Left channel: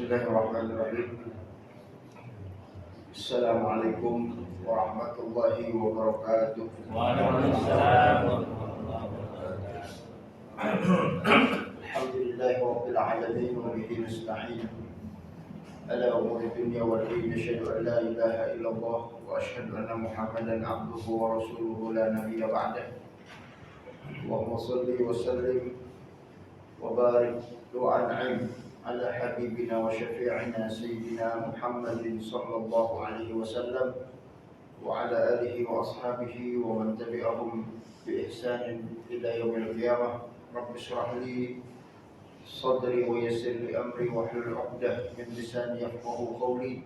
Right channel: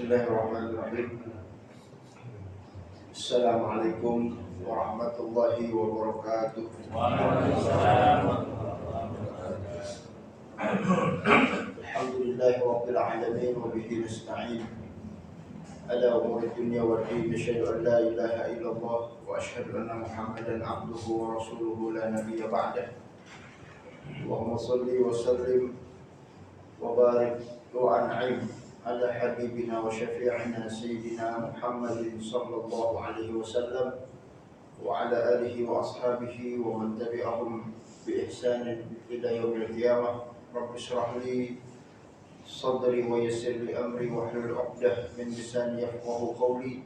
Bismillahirrahmanirrahim. Assalamualaikum warahmatullahi wabarakatuh. Waalaikumsalam. Alhamdulillahi rabbil alamin wa bihi nasta'in ala umuri dunya wal din. Asyhadu an la ilaha illallah wa asyhadu anna Muhammadan abduhu wa rasuluhu la nabiyya ba'dah. Allahumma shalli wa sallim wa barik wa an'im ala habibina wa syafi'ina sayyidina Muhammadin sallallahu alaihi wasallam wa ala alihi wa ashabihi wa man tabi'ahum bi ihsanin ila yaumil qiyamah. Rabbi shrah li sadri wa yassir li amri wa hlul 'uqdah min lisani yafqahu qawli.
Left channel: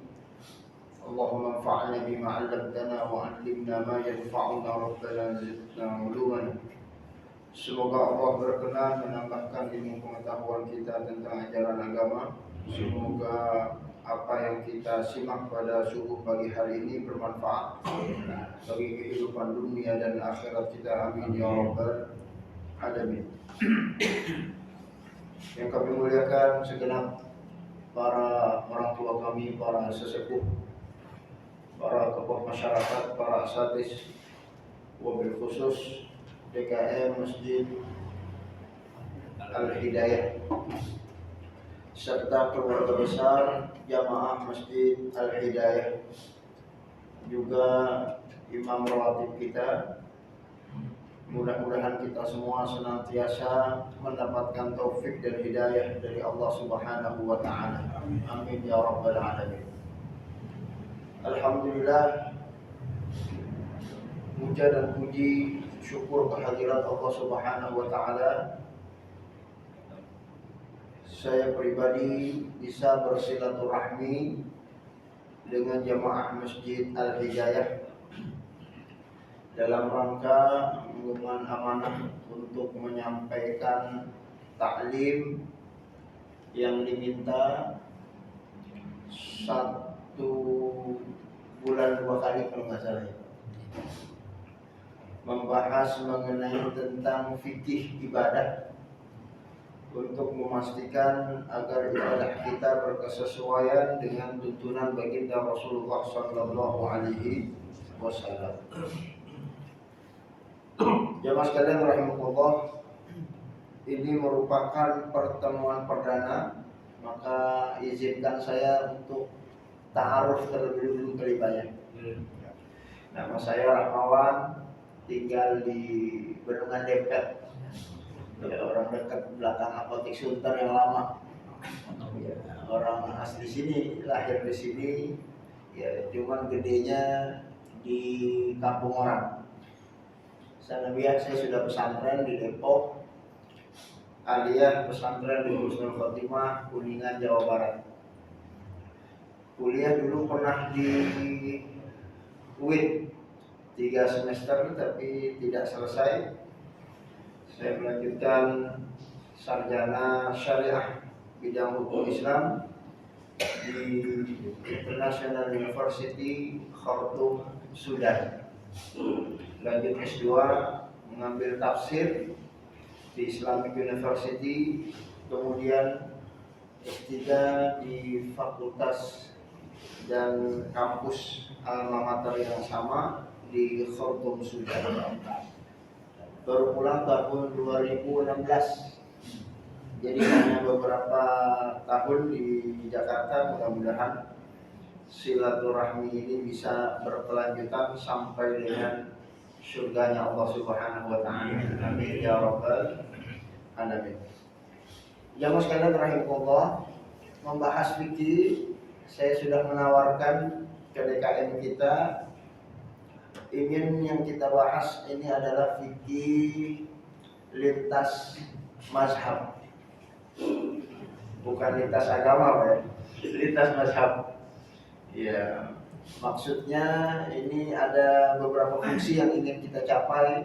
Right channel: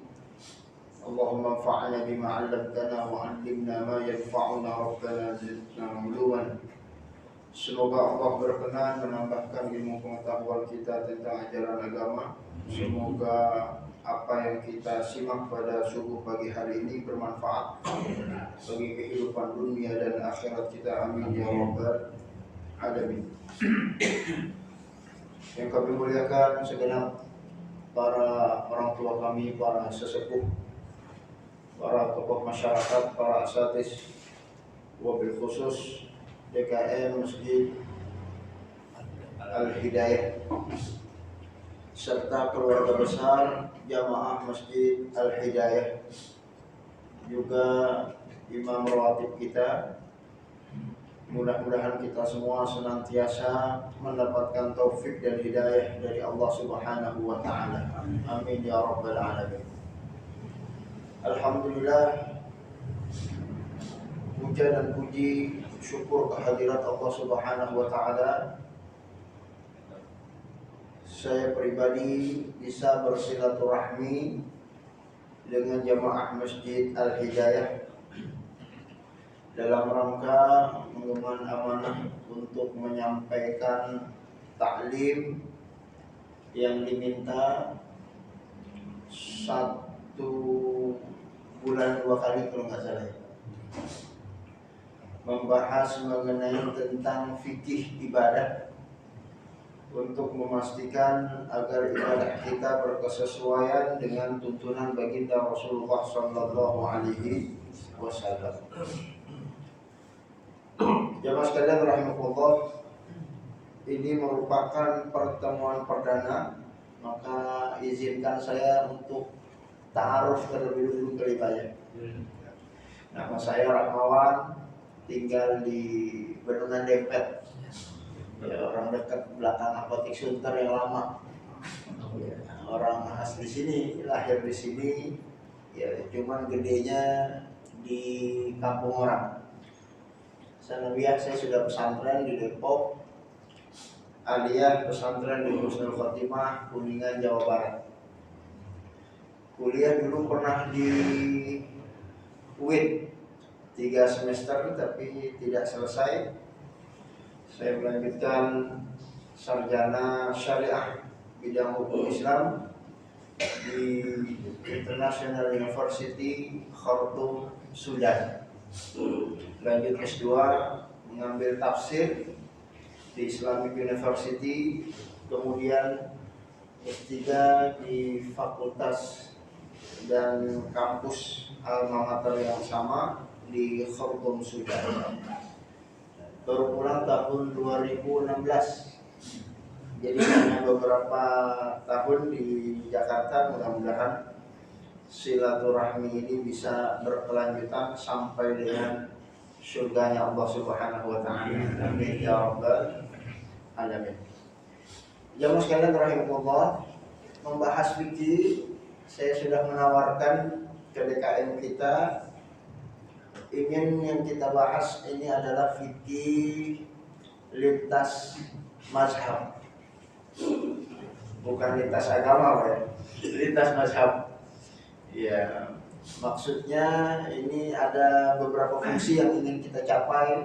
Allahumma anfa'na bima 'allamtana wa 'allimna ma yanfa'una rabbana zidna 'uluman. Semoga Allah berkenan menambahkan ilmu pengetahuan kita tentang ajaran agama. Semoga apa yang kita simak pada subuh pagi hari ini bermanfaat bagi kehidupan dunia dan akhirat kita. Amin ya rabbal alamin. Yang kami muliakan segenap para orang tua kami, para sesepuh, para tokoh masyarakat, para asatidz, wabil khusus DKM Masjid Al-Hidayah serta keluarga besar jamaah Masjid Al-Hidayah, juga imam rawatib kita. Mudah-mudahan kita semua senantiasa mendapatkan taufik dan hidayah dari Allah Subhanahu wa taala. Amin ya rabbal alamin. Alhamdulillah, puja dan puji syukur kehadirat Allah Subhanahu wa taala. Saya pribadi bisa bersilaturahmi dengan jamaah Masjid Al-Hidayah dalam rangka mengemban amanah untuk menyampaikan taklim yang diminta 1 bulan 2 kali kalau nggak salah, membahas mengenai tentang fikih ibadah untuk memastikan agar ibadah kita berkesesuaian dengan tuntunan baginda Rasulullah sallallahu alaihi wasallam. Jamaah sekalian rahimakumullah, ini merupakan pertemuan perdana, maka izinkan saya untuk ta'aruf terlebih dulu kelipanya. Nama saya Rahmawan, tinggal di Bendungan Dempet, ya, orang dekat belakang apotik Sunter yang lama. Ya, orang asli sini, lahir di sini, ya, cuman gedenya di kampung orang. Sanawiyah saya sudah pesantren di Depok, aliyah pesantren di Husnul Khotimah, Kuningan, Jawa Barat. Kuliah dulu pernah di UIN 3 semester tapi tidak selesai. Saya melanjutkan sarjana syariah bidang hukum Islam di International University Khartoum, Sudan. Lanjut S2 mengambil tafsir di Islamic University, kemudian S3 di fakultas dan kampus alma mater yang sama di Khartoum, Sudan. Baru pulang tahun 2016. Jadi hanya beberapa tahun di Jakarta. Mudah-mudahan silaturahmi ini bisa berkelanjutan sampai dengan surganya Allah Subhanahu wa taala. Amin ya rabbal alamin. Jamaah sekalian rahimakumullah, membahas fikih, saya sudah menawarkan ke DKM kita, ingin yang kita bahas ini adalah fikih lintas mazhab, bukan lintas agama, ya, lintas mazhab. Ya, maksudnya ini ada beberapa fungsi yang ingin kita capai.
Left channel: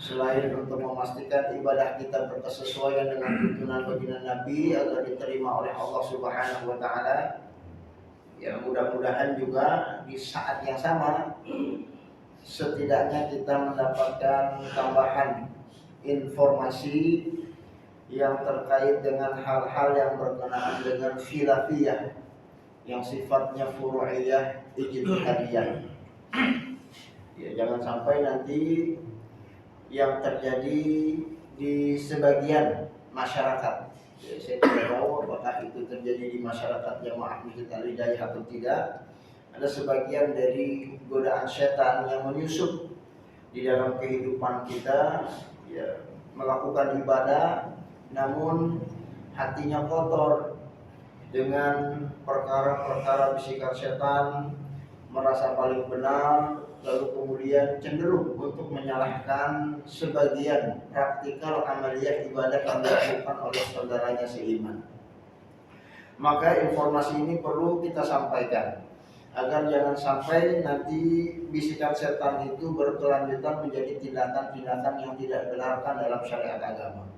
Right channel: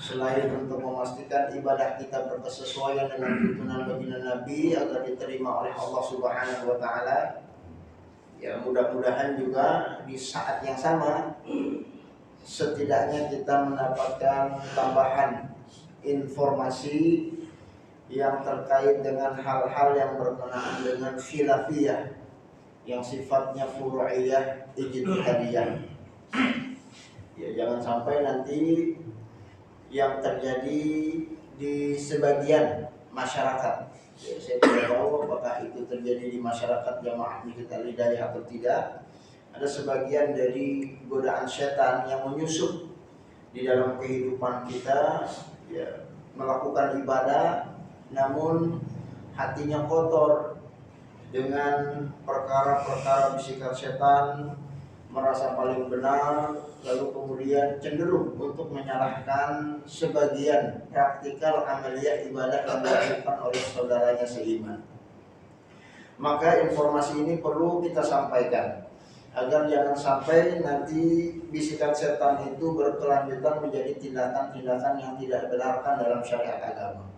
Selain untuk memastikan ibadah kita berkesesuaian dengan tuntunan baginda Nabi agar diterima oleh Allah Subhanahu wa taala, ya mudah-mudahan juga di saat yang sama setidaknya kita mendapatkan tambahan informasi yang terkait dengan hal-hal yang berkenaan dengan khilafiyah yang sifatnya furu'iyah ijtihadiyah. Ya, jangan sampai nanti yang terjadi di sebagian masyarakat, ya, saya tidak tahu apakah itu terjadi di masyarakat jamaah Masjid Al-Hidayah atau tidak. Ada sebagian dari godaan setan yang menyusup di dalam kehidupan kita, ya, melakukan ibadah namun hatinya kotor dengan perkara-perkara bisikan setan, merasa paling benar, lalu kemudian cenderung untuk menyalahkan sebagian praktikal amaliyah ibadah yang dilakukan oleh saudaranya seiman. Maka informasi ini perlu kita sampaikan agar jangan sampai nanti bisikan setan itu berkelanjutan menjadi tindakan-tindakan yang tidak dibenarkan dalam syariat agama.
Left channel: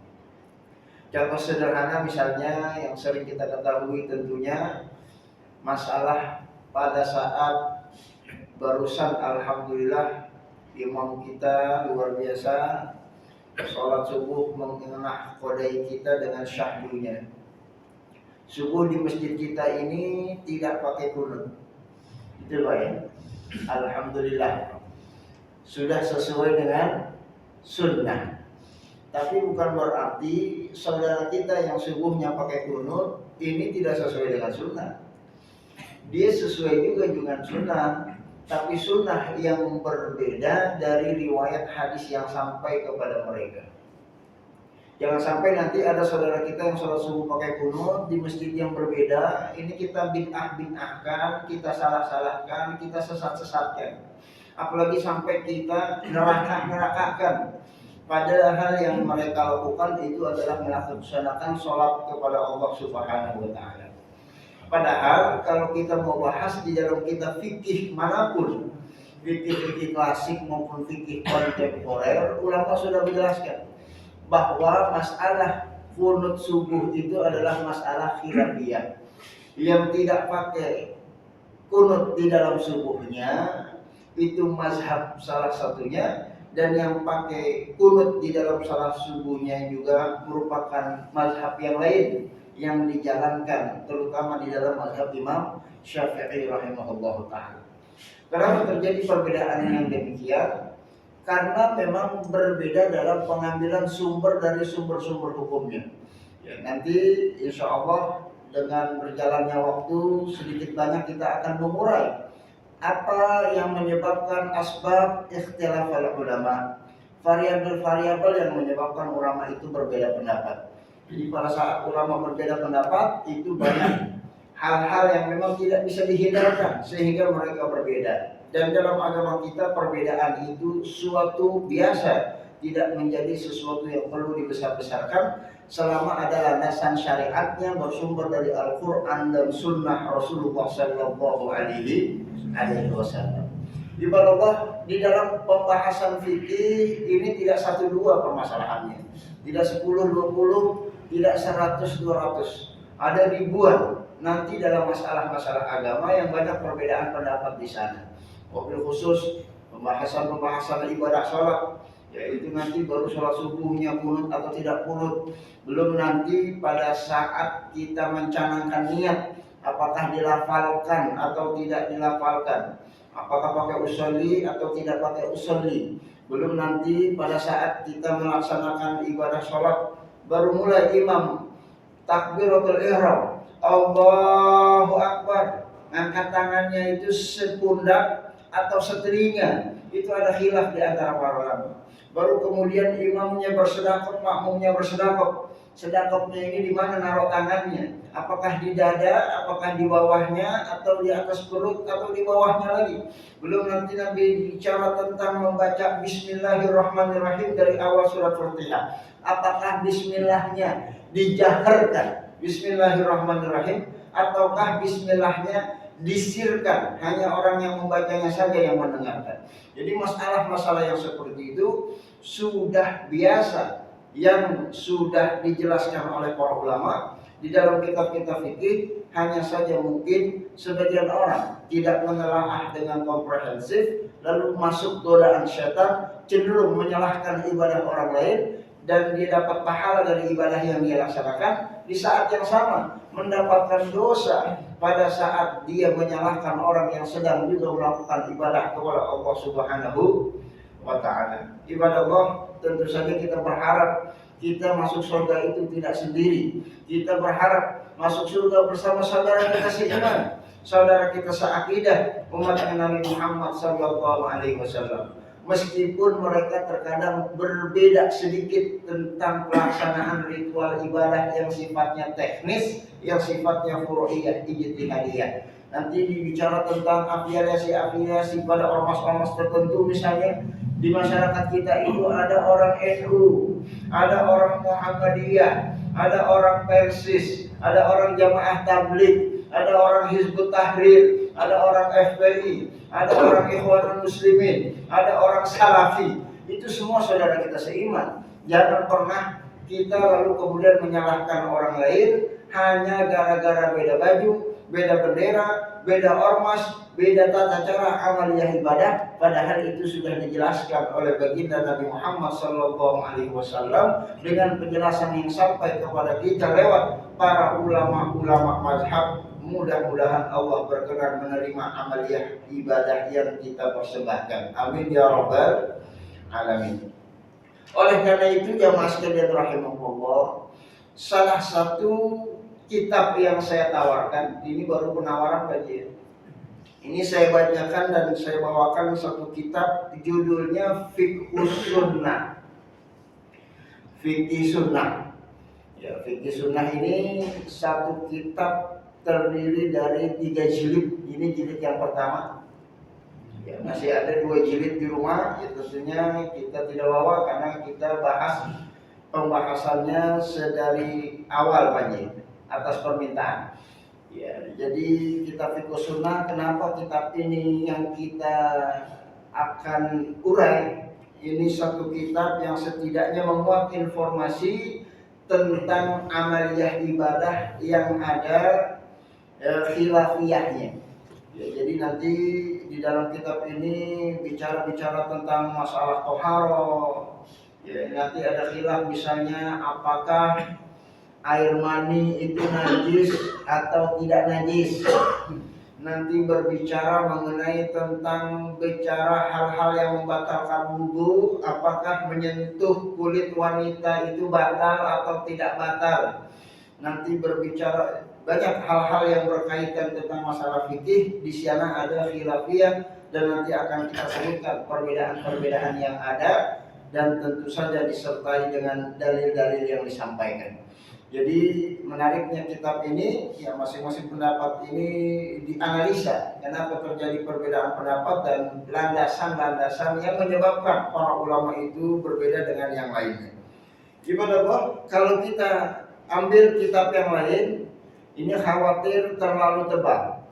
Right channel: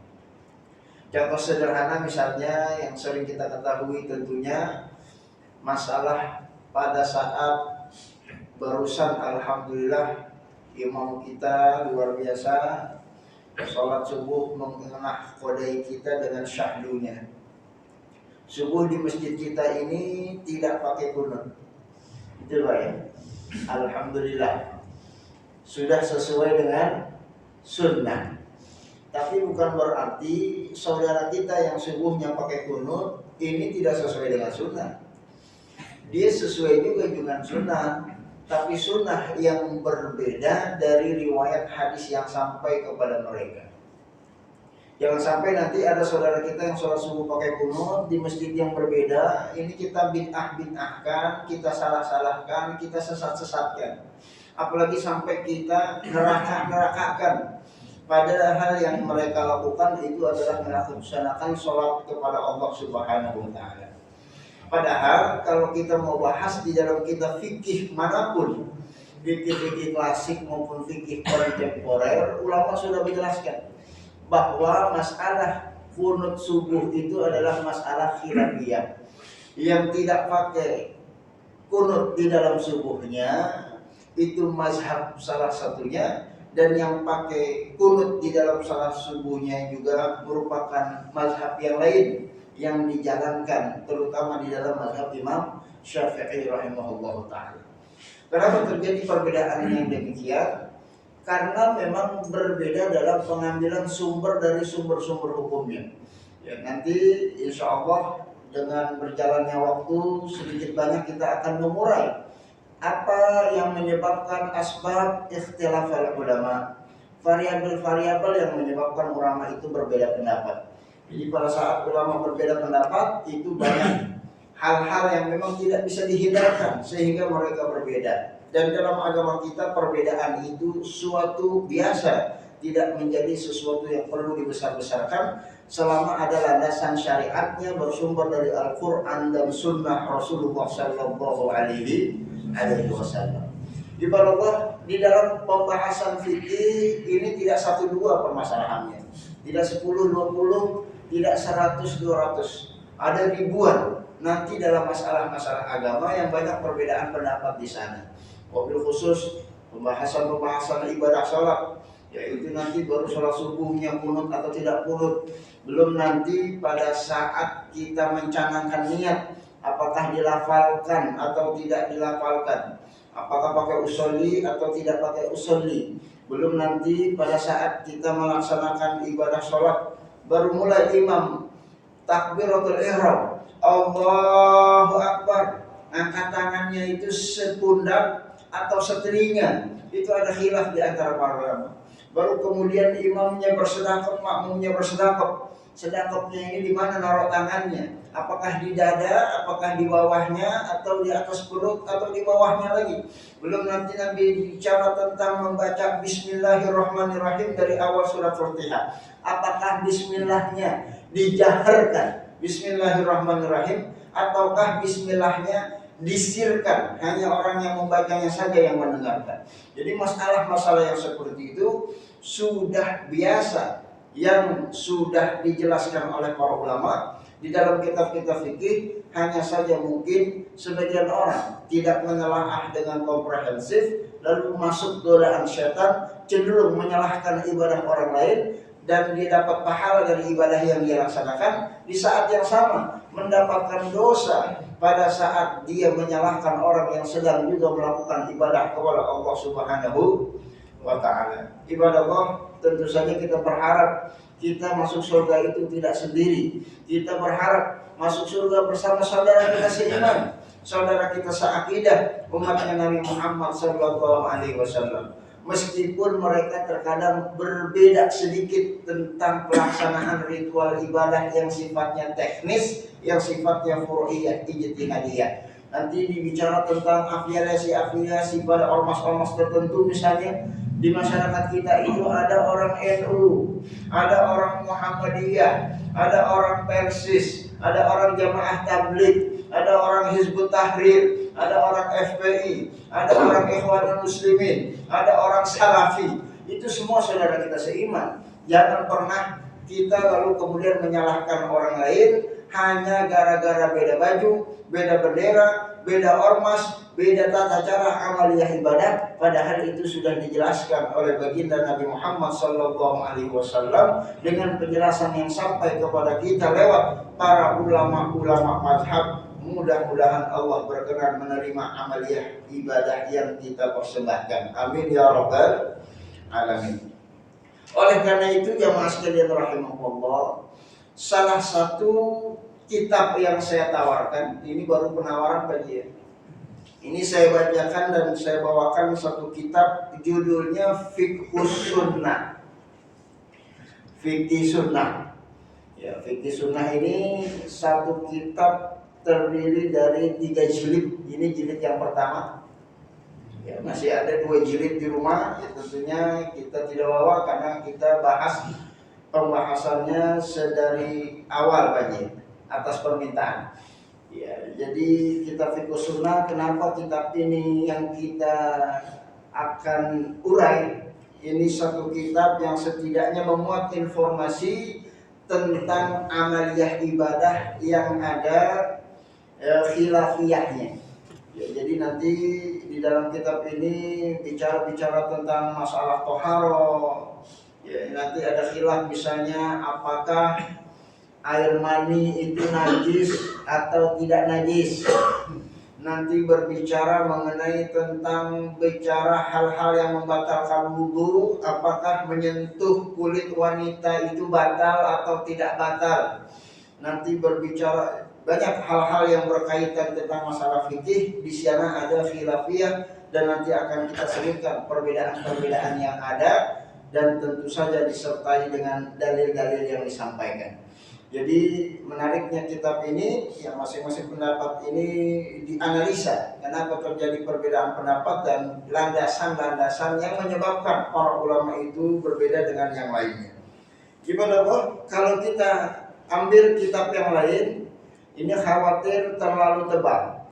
Contoh sederhana misalnya yang sering kita ketahui tentunya masalah pada saat barusan alhamdulillah imam kita luar biasa sholat subuh mengenah kodai kita dengan syahdunya. Subuh di masjid kita ini tidak pakai kunut. Itu Pak ya. Alhamdulillah sudah sesuai dengan sunnah. Tapi bukan berarti saudara kita yang subuhnya pakai kunut ini tidak sesuai dengan sunnah. Dia sesuai juga dengan sunnah, tapi sunnah yang berbeda dari riwayat hadis yang sampai kepada mereka. Jangan sampai nanti ada saudara kita yang sholat subuh pakai kunut di masjid yang berbeda, ini kita bid'ahkan, kita salah-salahkan, kita sesat-sesatkan. Apalagi sampai kita neraka-nerakakan. Padahal yang mereka lakukan itu adalah melaksanakan sholat kepada Allah Subhanahu wa Ta'ala. Padahal kalau kita mau bahas di dalam kitab fikih manapun, fikih klasik maupun fikih kontemporer, ulama sudah menjelaskan bahwa masalah kunut subuh itu adalah masalah khilafiyah. Yang tidak pakai kunut di dalam subuhnya itu mazhab salah satunya, dan yang pakai kunut di dalam salat subuhnya juga merupakan mazhab yang lain yang dijalankan, terutama di dalam mazhab Imam Syafi'i rahimahullahu ta'ala. Kenapa terjadi perbedaan yang demikian? Karena memang berbeda dalam pengambilan sumber dari sumber-sumber hukumnya. Ya, nanti insya Allah dengan berjalannya waktu sedikit banyak kita akan mengurai apa yang menyebabkan asbab ikhtilafal ulama, variabel-variabel yang menyebabkan ulama itu berbeda pendapat. Jadi pada saat ulama berbeda pendapat itu banyak hal-hal yang memang tidak bisa dihindarkan sehingga mereka berbeda. Dan dalam agama kita perbedaan itu suatu biasa, tidak menjadi sesuatu yang perlu dibesar-besarkan selama ada landasan syariatnya bersumber dari Al-Quran dan Sunnah Rasulullah Sallallahu Alaihi Wasallam. Ibaratullah di dalam pembahasan fikih ini tidak 1-2 permasalahannya, tidak 10-20, tidak 100-200, ada ribuan nanti dalam masalah-masalah agama yang banyak perbedaan pendapat di sana. Wabil khusus pembahasan ibadah sholat, yaitu nanti baru sholat subuhnya kunut atau tidak kunut, belum nanti pada saat kita mencanangkan niat apakah dilafalkan atau tidak dilafalkan, apakah pakai usolli atau tidak pakai usolli, belum nanti pada saat kita melaksanakan ibadah sholat baru mulai imam takbiratul ihram, Allahu Akbar, angkat tangannya itu sepundak atau setelinga, itu ada khilaf di antara para ulama. Baru kemudian imamnya bersedekap, makmumnya bersedekap. Sedekapnya ini di mana naruh tangannya? Apakah di dada, apakah di bawahnya, atau di atas perut, atau di bawahnya lagi? Belum nanti Nabi bicara tentang membaca Bismillahirrahmanirrahim dari awal surat Fatihah. Apakah Bismillahnya dijaharkan, Bismillahirrahmanirrahim, ataukah Bismillahnya disirkan, hanya orang yang membacanya saja yang mendengarkan? Jadi masalah-masalah yang seperti itu sudah biasa, yang sudah dijelaskan oleh para ulama di dalam kitab-kitab fikih. Hanya saja mungkin sebagian orang tidak menelaah dengan komprehensif, lalu masuk godaan setan, cenderung menyalahkan ibadah orang lain dan dia dapat pahala dari ibadah yang dia laksanakan, di saat yang sama mendapatkan dosa pada saat dia menyalahkan orang yang sedang juga melakukan ibadah kepada Allah Subhanahu wa ta'ala. Ibadah Allah, tentu saja kita berharap kita masuk surga itu tidak sendiri. Kita berharap masuk surga bersama saudara kita seiman, saudara kita seakidah, umatnya Nabi Muhammad sallallahu alaihi wasallam. Meskipun mereka terkadang berbeda sedikit tentang pelaksanaan ritual ibadah yang sifatnya teknis, yang sifatnya furu'iyah, ijtihadiyah. Nanti dibicara tentang afiliasi pada ormas-ormas tertentu, misalnya di masyarakat kita itu ada orang NU, ada orang Muhammadiyah, ada orang Persis, ada orang Jamaah Tabligh, ada orang Hizbut Tahrir, ada orang FPI, ada orang Ikhwanul Muslimin, ada orang Salafi. Itu semua saudara kita seiman. Jangan pernah kita lalu kemudian menyalahkan orang lain hanya gara-gara beda baju, beda bendera, beda ormas, beda tata cara amaliyah ibadah. Padahal itu sudah dijelaskan oleh baginda Nabi Muhammad sallallahu alaihi wasallam dengan penjelasan yang sampai kepada kita lewat para ulama-ulama mazhab. Mudah-mudahan Allah berkenan menerima amaliyah ibadah yang kita persembahkan. Amin ya rabbal alamin. Oleh karena itu jamaah sekalian rahimahullah, salah satu kitab yang saya tawarkan, ini baru penawaran Pak Ji. Ini saya bacakan dan saya bawakan satu kitab, judulnya Fiqhus Sunnah. Fikih Sunnah. Ya, Fikih Sunnah ini satu kitab terdiri dari 3 jilid. Ini jilid yang pertama. Ya, masih ada 2 jilid di rumah. Ya, tentunya kita tidak bawa karena kita bahas pembahasannya sedari awal Pak Ji, atas permintaan. Ya, jadi kitab Fiqh Sunnah, kenapa kitab ini yang kita akan urai? Ini satu kitab yang setidaknya memuat informasi tentang amaliyah ibadah yang ada khilafiyahnya. Ya, jadi nanti di dalam kitab ini bicara tentang masalah toharo. Ya, nanti ada khilaf misalnya apakah air mani itu najis atau tidak najis. Nanti berbicara mengenai tentang hal-hal yang membatalkan wudu, apakah menyentuh kulit wanita itu batal atau tidak batal. Nanti berbicara banyak hal-hal yang berkaitan tentang masalah fikih. Di sana ada khilafiyah dan nanti akan kita sebutkan perbedaan-perbedaan yang ada dan tentu saja disertai dengan dalil-dalil yang disampaikan. Jadi menariknya kitab ini, ya masing-masing pendapat ini dianalisa kenapa terjadi perbedaan pendapat dan landasan-landasan yang menyebabkan para ulama itu berbeda dengan yang lainnya. Gimana Pak? Kalau kita ambil kitab yang lain, ini khawatir terlalu tebal.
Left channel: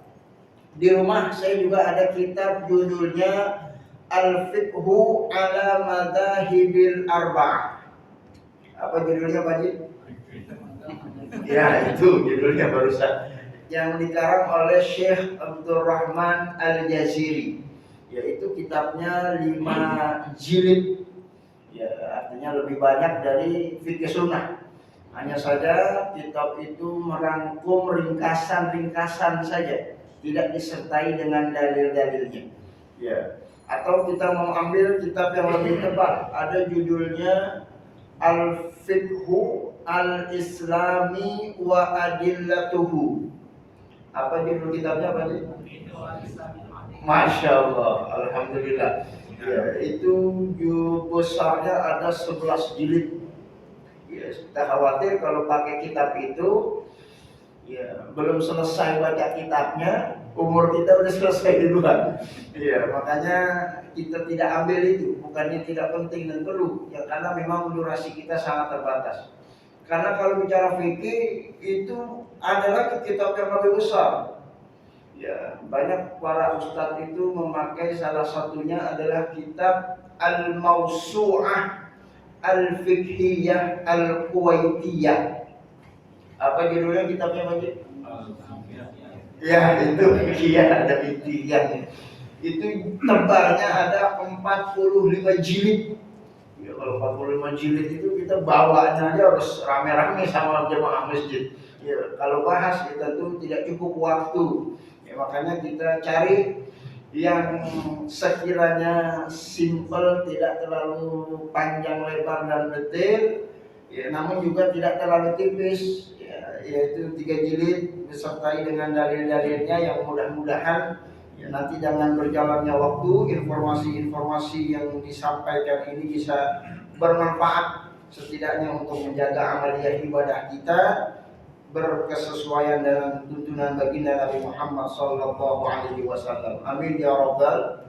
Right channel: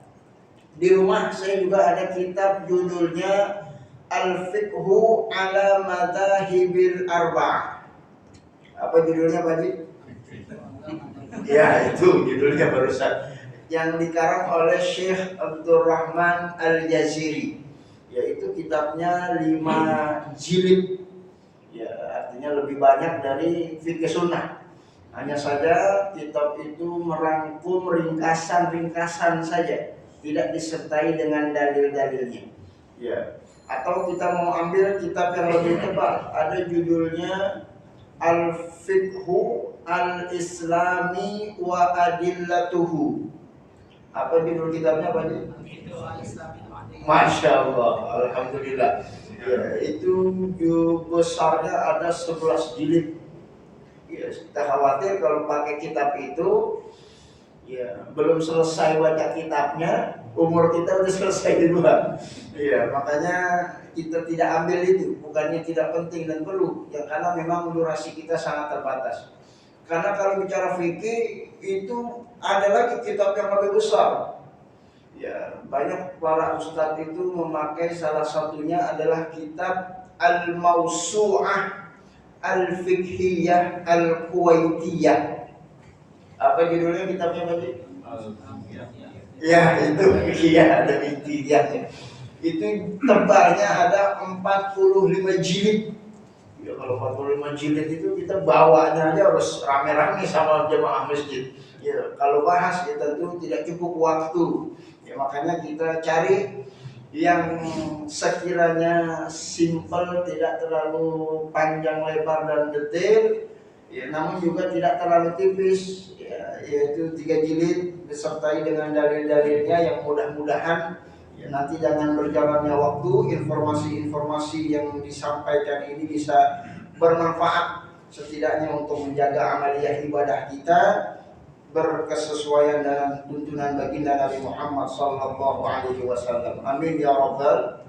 Di rumah saya juga ada kitab judulnya Al-Fiqhu ala Madhahibil Arba'ah. Apa judulnya Pak Ji? Ya, itu judulnya barusan, yang dikarang oleh Syekh Abdurrahman Al-Jaziri. Yaitu kitabnya 5 jilid. Ya, artinya lebih banyak dari Fikih Sunnah. Hanya saja kitab itu merangkum ringkasan-ringkasan saja, tidak disertai dengan dalil-dalilnya. Ya, atau kita mau ambil kitab yang lebih tebal, ada judulnya Al-Fiqhu Al-Islami wa Adillatuhu. Apa judul kitabnya Pak Ji? Masya Allah, Alhamdulillah. Ya, itu besarnya ada 11 jilid. Ya, kita khawatir kalau pakai kitab itu, ya belum selesai baca kitabnya, umur kita udah selesai duluan. Ya, makanya kita tidak ambil itu, bukannya tidak penting dan perlu, ya karena memang durasi kita sangat terbatas. Karena kalau bicara fikih itu ada lagi kitab yang lebih besar. Ya, banyak para ustadz itu memakai salah satunya adalah kitab Al-Mawsu'ah Al-Fiqhiyah Al-Kuwaitiyah. Apa judulnya kitabnya Pak Ji? Ya, itu Fiqhiyah ada Fiqhiyahnya. Itu tebalnya ada 45 jilid. Ya kalau 45 jilid itu kita bawanya aja harus rame-rame sama jemaah masjid. Ya kalau bahas ya tentu tidak cukup waktu. Ya makanya kita cari yang sekiranya simple, tidak terlalu panjang lebar dan detail, ya, namun juga tidak terlalu tipis, ya, yaitu 3 jilid disertai dengan dalil-dalilnya yang mudah-mudahan ya, nanti dengan berjalannya waktu informasi-informasi yang disampaikan ini bisa bermanfaat setidaknya untuk menjaga amaliyah ibadah kita berkesesuaian dengan tuntunan baginda Nabi Muhammad sallallahu alaihi wasallam. Amin ya rabbal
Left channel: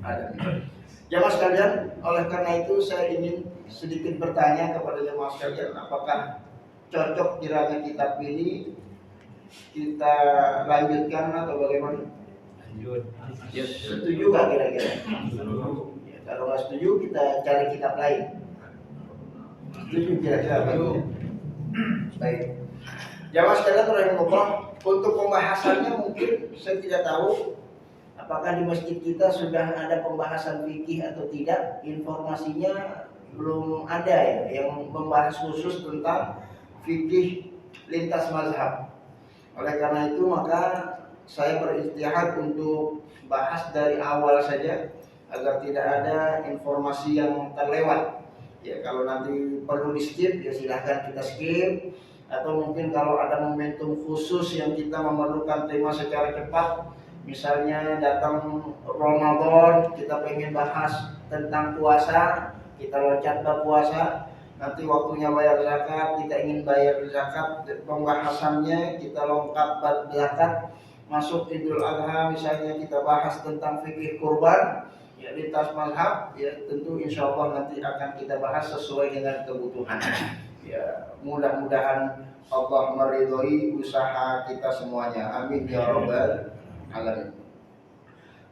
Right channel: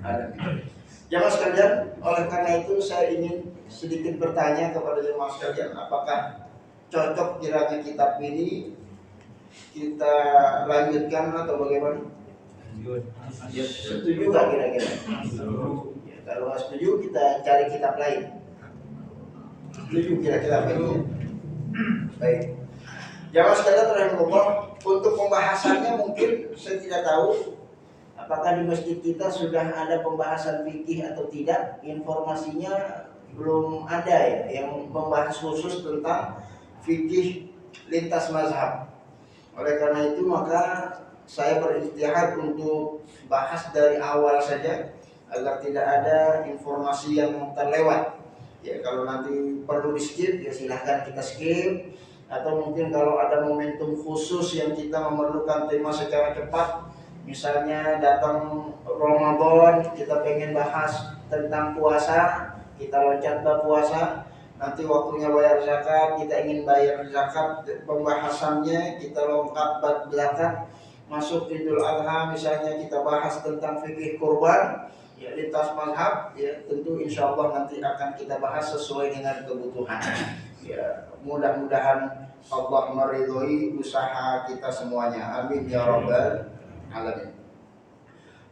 alamin. Jemaah sekalian, oleh karena itu saya ingin sedikit bertanya kepada jemaah sekalian, apakah cocok kiranya kitab ini kita lanjutkan atau bagaimana? Setuju gak kira-kira? Ya, kalau nggak setuju kita cari kitab lain. Setuju kira-kira begini. Baik. Jamaah sekalian rahimahullah, untuk pembahasannya mungkin saya tidak tahu apakah di masjid kita sudah ada pembahasan fikih atau tidak. Informasinya belum ada ya yang membahas khusus tentang fikih lintas mazhab. Oleh karena itu maka saya berijtihad untuk bahas dari awal saja agar tidak ada informasi yang terlewat. Ya kalau nanti perlu di skip ya silahkan kita skip. Atau mungkin kalau ada momentum khusus yang kita memerlukan tema secara cepat, misalnya datang Ramadan kita pengen bahas tentang puasa, kita loncat ke puasa, nanti waktunya bayar zakat, kita ingin bayar zakat, pembahasannya kita lengkap bab zakat, masuk Idul Adha misalnya kita bahas tentang fikih kurban, ya lintas mazhab, ya tentu insya Allah nanti akan kita bahas sesuai dengan kebutuhan. Ya mudah-mudahan Allah meridhoi usaha kita semuanya. Amin ya rabbal alamin.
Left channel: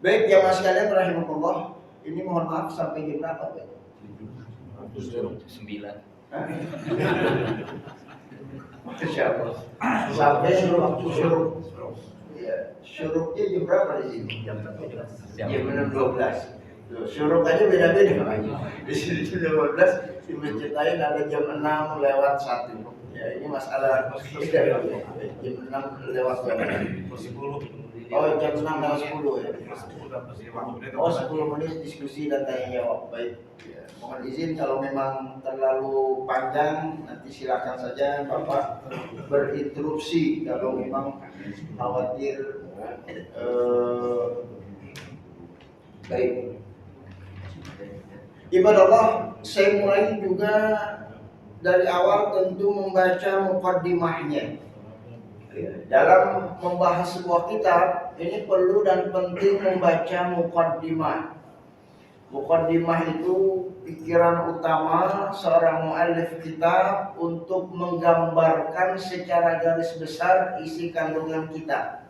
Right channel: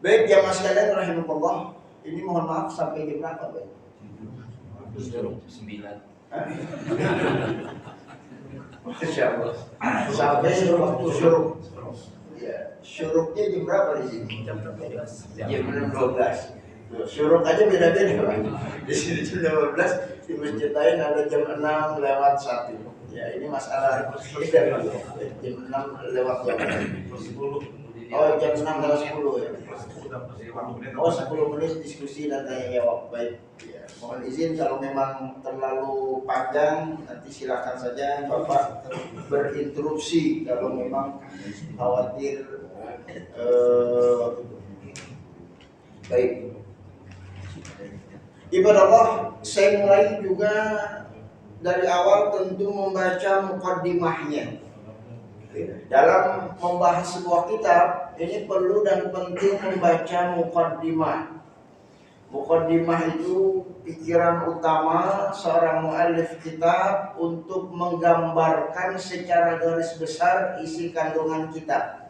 Baik jamaah sekalian rahimakumullah, ini mohon maaf sampai jam berapa, Pak? 9. Insyaallah. Sampai waktu syuruk. Ya, syuruknya jam berapa di sini? Jam 12. Jam 12. Syuruk aja beda-beda Pak. Di sini jam 12, di masjid lain ada jam 6 lewat 1. Ya ini masalah beda. Jam 6 lewat 1. Oh jam 6 lewat 10 ya. Oh 10 menit diskusi dan tanya jawab. Baik. Ya, mohon izin kalau memang terlalu panjang nanti silakan saja Bapak berinterupsi kalau memang khawatir. Baik. Ibadah Allah, saya mulai juga dari awal tentu membaca muqaddimahnya. Dalam membahas sebuah kitab, ini perlu dan penting membaca muqaddimah. Muqaddimah itu pikiran utama seorang muallif kitab untuk menggambarkan secara garis besar isi kandungan kitab.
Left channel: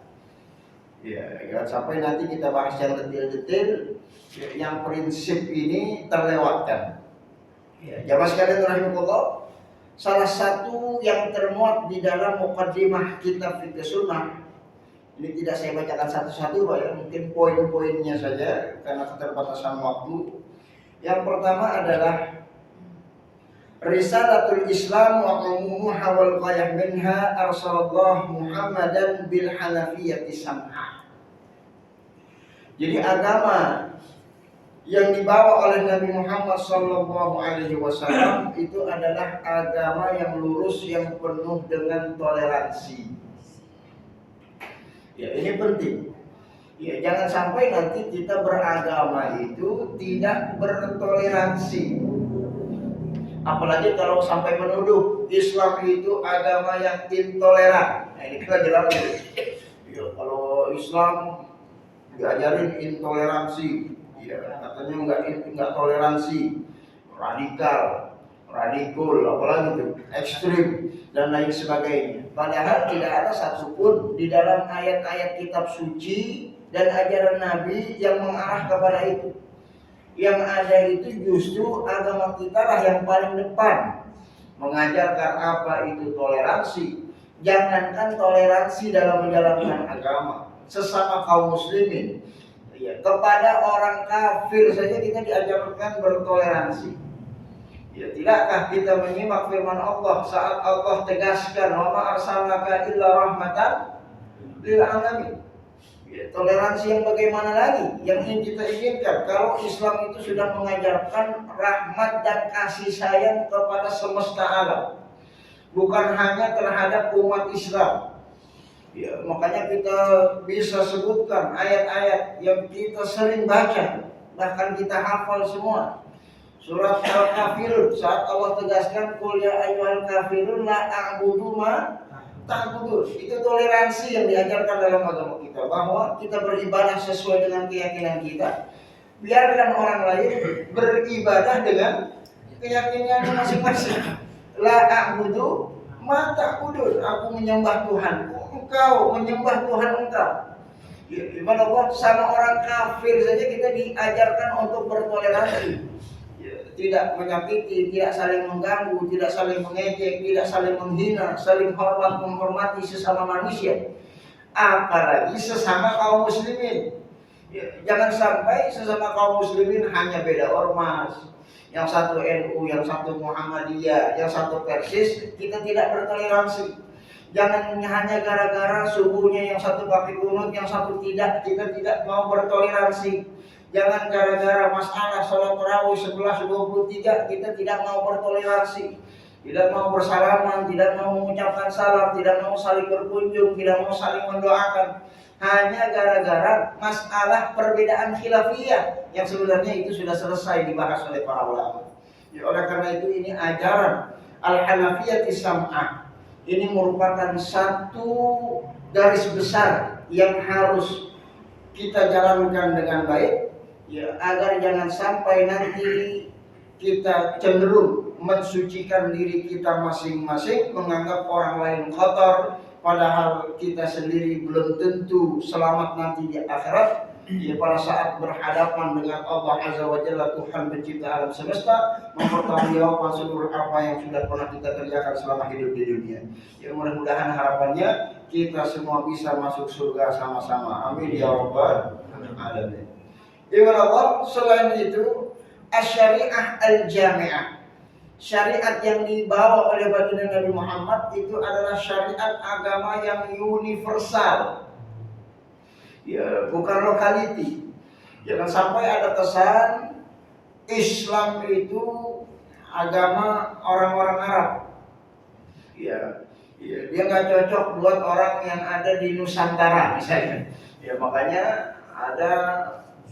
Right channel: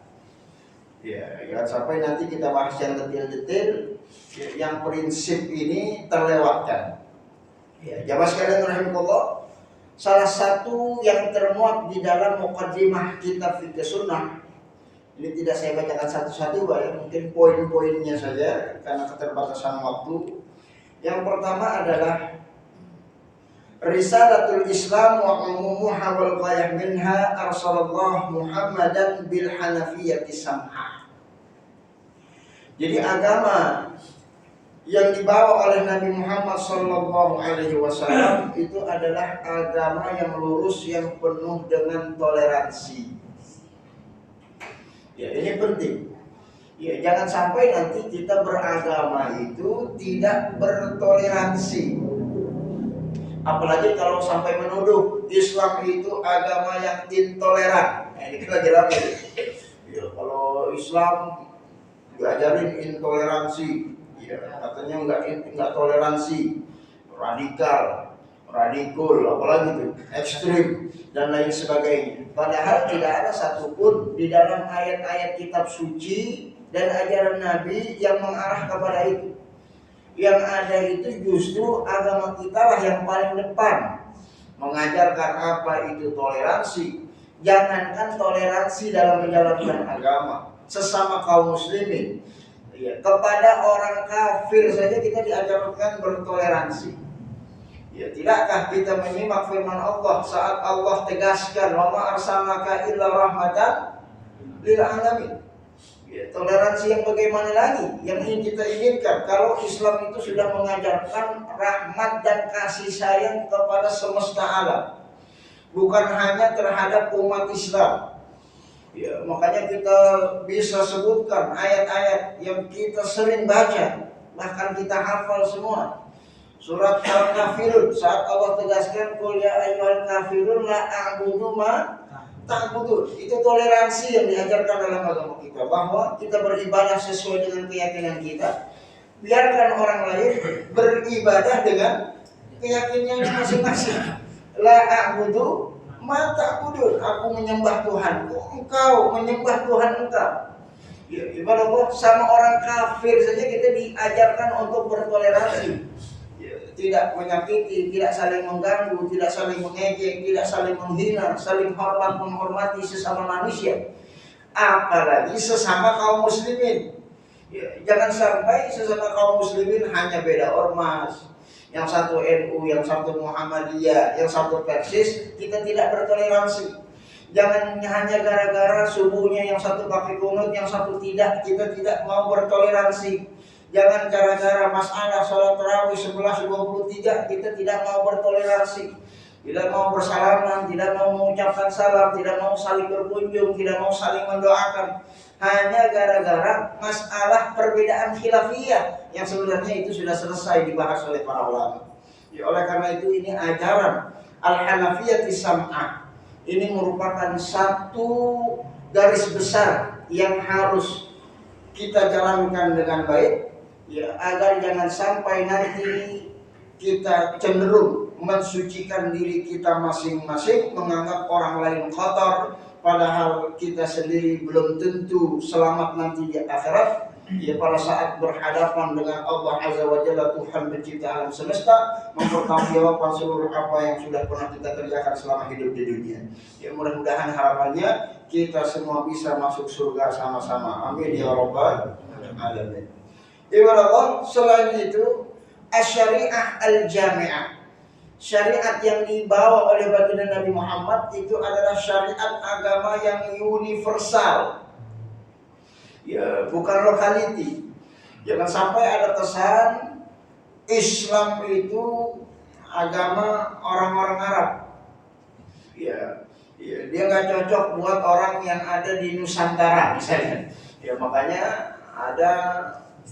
Ya, jangan sampai nanti kita bahas yang detail-detail, yang prinsip ini terlewatkan. Ya, jamaah sekalian rahimakumullah, salah satu yang termuat di dalam muqaddimah kitab Fiqh Sunnah, ini tidak saya bacakan satu-satu Pak ya, mungkin poin-poinnya saja karena keterbatasan waktu. Yang pertama adalah Risalatul Islam wa umumuha wal ghayah minha arsalallah Muhammadan bil hanafiyyati sam'ah. Jadi agama yang dibawa oleh Nabi Muhammad sallallahu alaihi wasallam itu adalah agama yang lurus, yang penuh dengan toleransi. Ya, ini penting. Ya, jangan sampai nanti kita beragama itu tidak bertoleransi. Apalagi kalau sampai menuduh Islam itu agama yang intoleran. Nah, ini kita jelasin. Ya, kalau Islam diajarin intoleransi, ya katanya enggak toleransi, radikal, apalagi itu ekstrim dan lain sebagainya. Padahal tidak ada satupun di dalam ayat-ayat kitab suci dan ajaran Nabi yang mengarah kepada itu. Yang ada itu justru agama kita lah yang paling depan mengajarkan apa itu toleransi. Jangankan toleransi dalam menjalankan agama, sesama kaum muslimin, ya, kepada orang kafir saja kita diajarkan bertoleransi. Ya, tidakkah kita menyimak firman Allah saat Allah tegaskan wa ma arsalnaka illa rahmatan lil alamin. Ya, toleransi yang bagaimana lagi yang ingin kita inginkan kalau Islam itu sudah mengajarkan rahmat dan kasih sayang kepada semesta alam, bukan hanya terhadap umat Islam. Ya, makanya kita bisa sebutkan ayat-ayat yang kita sering baca, bahkan kita hafal semua. Surat Al-Kafirun saat Allah tegaskan qul ya ayyuhal kafirun la a'budu ma ta'budun. Itu toleransi yang diajarkan dalam agama kita, bahwa kita beribadah sesuai dengan keyakinan kita. Biarkan orang lain beribadah dengan keyakinannya masing-masing. La a'budu ma ta'budun. Aku menyembah Tuhanku, engkau menyembah Tuhan engkau. Ya, ibadah Allah sama orang kafir saja kita diajarkan untuk bertoleransi. Tidak menyakiti, tidak saling mengganggu, tidak saling mengejek, tidak saling menghina, saling hormat menghormati sesama manusia, apalagi sesama kaum muslimin. Ya, jangan sampai sesama kaum muslimin hanya beda ormas, yang satu NU, yang satu Muhammadiyah, yang satu Persis, kita tidak bertoleransi. Jangan hanya gara-gara subuhnya yang satu pakai kunut, yang satu tidak, kita tidak mau bertoleransi. Jangan gara-gara masalah sholat tarawih 11:23 kita tidak mau bertoleransi, tidak mau bersalaman, tidak mau mengucapkan salam, tidak mau saling berkunjung, tidak mau saling mendoakan, hanya gara-gara masalah perbedaan khilafiyah yang sebenarnya itu sudah selesai dibahas oleh para ulama. Ya, oleh karena itu ini ajaran Al-Hanafiyyah Sam'ah ini merupakan satu garis besar yang harus kita jalankan dengan baik. Ya, agar jangan sampai nanti kita cenderung mensucikan diri kita masing-masing, menganggap orang lain kotor, padahal kita sendiri belum tentu selamat nanti di akhirat. Ya, pada saat berhadapan dengan Allah Azza wa Jalla, Tuhan pencipta alam semesta, mempertanggungjawabkan seluruh apa yang sudah pernah kita kerjakan selama hidup di dunia. Ya, mudah-mudahan harapannya kita semua bisa masuk surga sama-sama. Amin ya rabbal alamin. Ibarat Allah, selain itu asy-syariah al-jami'ah, syariat yang dibawa oleh baginda Nabi Muhammad itu adalah syariat agama yang universal. Ya, bukan lokality. Jangan sampai ada kesan Islam itu agama orang-orang Arab. Ya, dia nggak cocok buat orang yang ada di Nusantara misalnya. Ya, makanya ada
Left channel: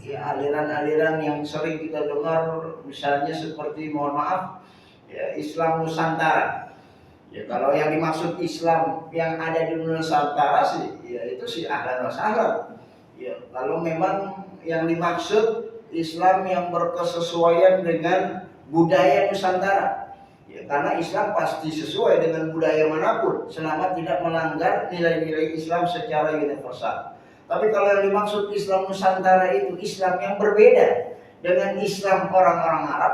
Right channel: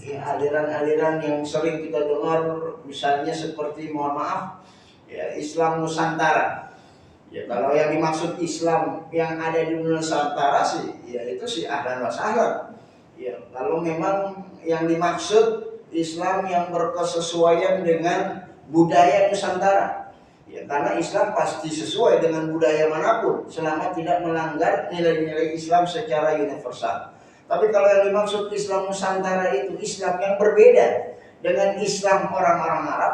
aliran-aliran yang sering kita dengar, misalnya seperti, mohon maaf, ya, Islam Nusantara. Ya, kalau yang dimaksud Islam yang ada di Nusantara sih, ya itu sih ahlan wa sahlan. Ya, kalau memang yang dimaksud Islam yang berkesesuaian dengan budaya Nusantara, ya, karena Islam pasti sesuai dengan budaya manapun selama tidak melanggar nilai-nilai Islam secara universal. Tapi kalau yang dimaksud Islam Nusantara itu Islam yang berbeda dengan Islam orang-orang Arab,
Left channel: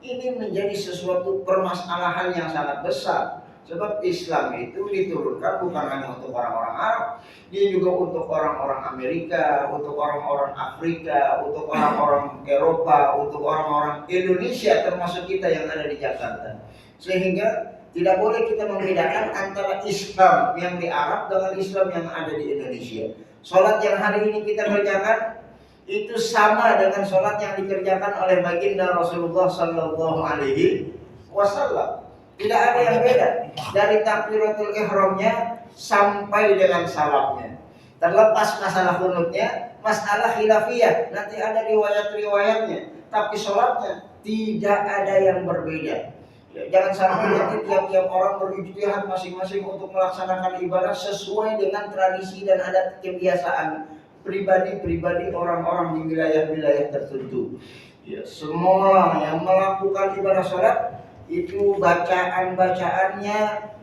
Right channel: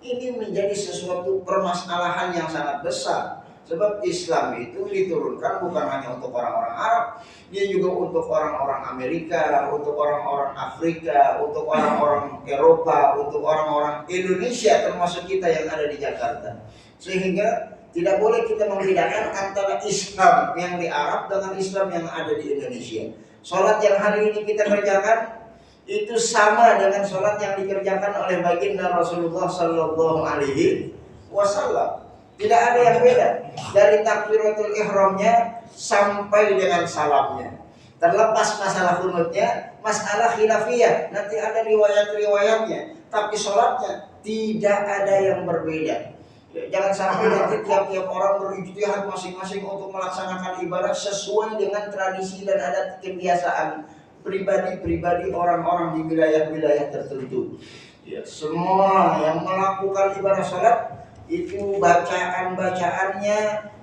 ini menjadi sesuatu permasalahan yang sangat besar. Sebab Islam itu diturunkan bukan hanya untuk orang-orang Arab, dia juga untuk orang-orang Amerika, untuk orang-orang Afrika, untuk orang-orang Eropa, untuk orang-orang Indonesia, termasuk kita yang ada di Jakarta. Sehingga tidak boleh kita membedakan antara Islam yang di Arab dengan Islam yang ada di Indonesia. Sholat yang hari ini kita kerjakan itu sama dengan sholat yang dikerjakan oleh baginda Rasulullah Sallallahu Alaihi Wasallam. Tidak ada yang beda dari takbiratul ihramnya sampai dengan salamnya. Terlepas masalah kunutnya, masalah khilafiyah, nanti ada riwayat-riwayatnya. Tapi sholatnya tidak ada yang berbeda. Jangan sampai nanti tiap-tiap orang berijtihad masing-masing untuk melaksanakan ibadah sesuai dengan tradisi dan adat kebiasaan pribadi-pribadi orang-orang di wilayah-wilayah tertentu. Ya, semua yang melakukan ibadah sholat itu bacaan-bacaannya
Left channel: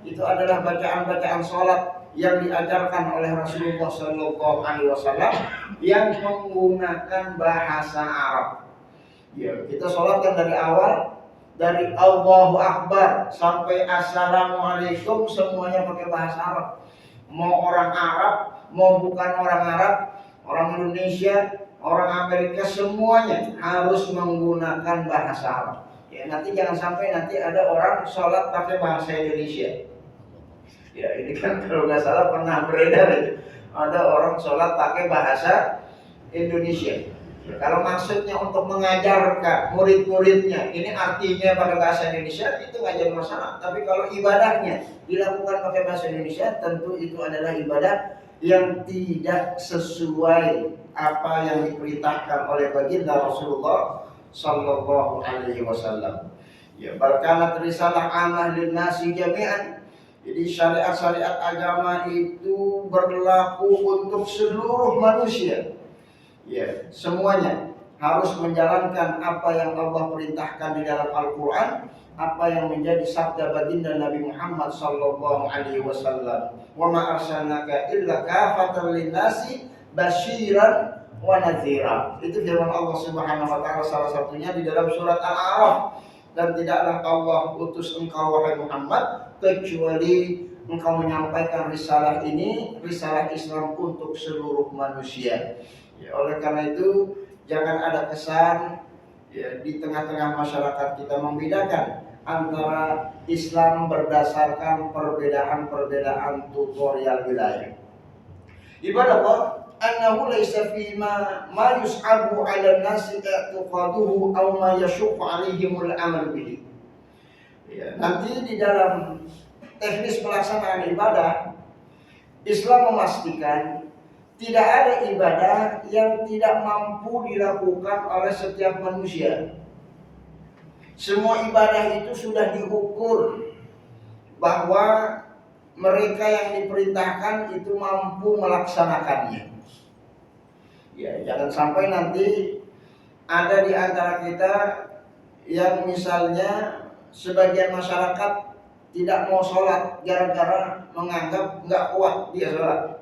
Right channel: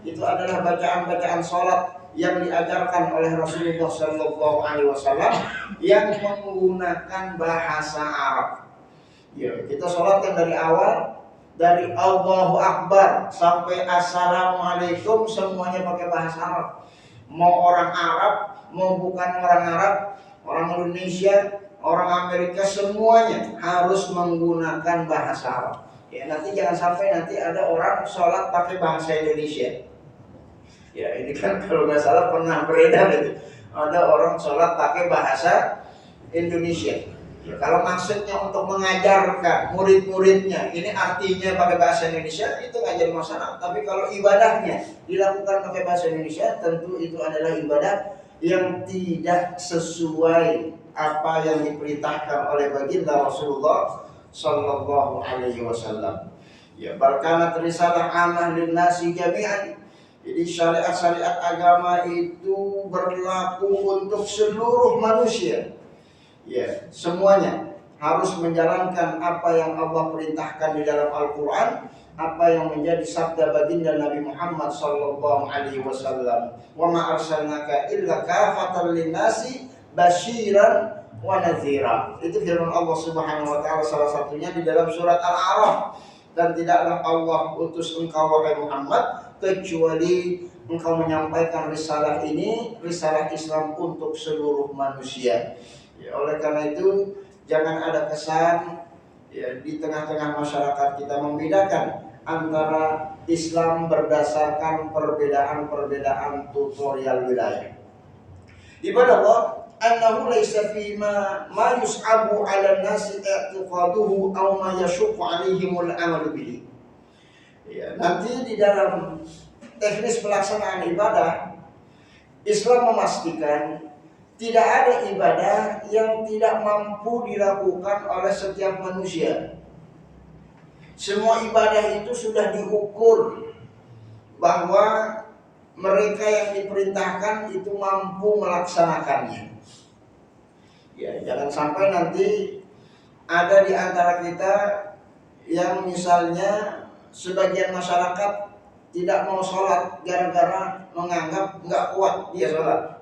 itu adalah bacaan-bacaan sholat yang diajarkan oleh Rasulullah Sallallahu Alaihi Wasallam yang menggunakan bahasa Arab. Ya, kita sholatkan dari awal, dari Allahu Akbar sampai Assalamualaikum semuanya pakai bahasa Arab. Mau orang Arab, mau bukan orang Arab, orang Indonesia, orang Amerika, semuanya harus menggunakan bahasa Arab. Ya, nanti jangan sampai nanti ada orang sholat pakai bahasa Indonesia. Ya, ini kan kalau nggak salah pernah beredar itu. Ada orang sholat pakai bahasa Indonesia. Ya, kalau maksudnya untuk mengajarkan murid-muridnya, ini artinya pakai bahasa Indonesia, itu nggak jadi masalah. Tapi kalau ibadahnya dilakukan pakai bahasa Indonesia, tentu itu adalah ibadah yang tidak sesuai apa yang diperintahkan oleh baginda Rasulullah Sallallahu Alaihi Wasallam. Ya, balkanat risalah amah linnasi jami'an. Jadi syariat-syariat agama itu berlaku untuk seluruh manusia. Ya, semuanya harus menjalankan apa yang Allah perintahkan di dalam Al-Quran, apa yang menjadi sabda baginda Nabi Muhammad sallallahu alaihi wasallam. Wa ma arsalnaka illa kafatan linnasi basyiran wa nadhira. Itu firman Allah Subhanahu wa taala salah satunya di dalam surat Al-A'raf. Dan tidaklah Allah utus engkau wahai Muhammad kecuali engkau menyampaikan risalah ini, risalah Islam untuk seluruh manusia. Ya, oleh karena itu jangan ada kesan ya, di tengah-tengah masyarakat kita membedakan antara Islam berdasarkan perbedaan-perbedaan tutorial wilayah. Ibadah Allah annahu laysa fi ma yus'abu 'ala an-nasi i'tiqaduhu aw ma yashuqqu 'alaihimul 'amalu bihi. Ya, nanti di dalam teknis pelaksanaan ibadah Islam memastikan tidak ada ibadah yang tidak mampu dilakukan oleh setiap manusia. Semua ibadah itu sudah diukur bahwa mereka yang diperintahkan itu mampu melaksanakannya. Ya, jangan sampai nanti ada di antara kita yang misalnya sebagian masyarakat tidak mau sholat gara-gara menganggap nggak kuat dia sholat.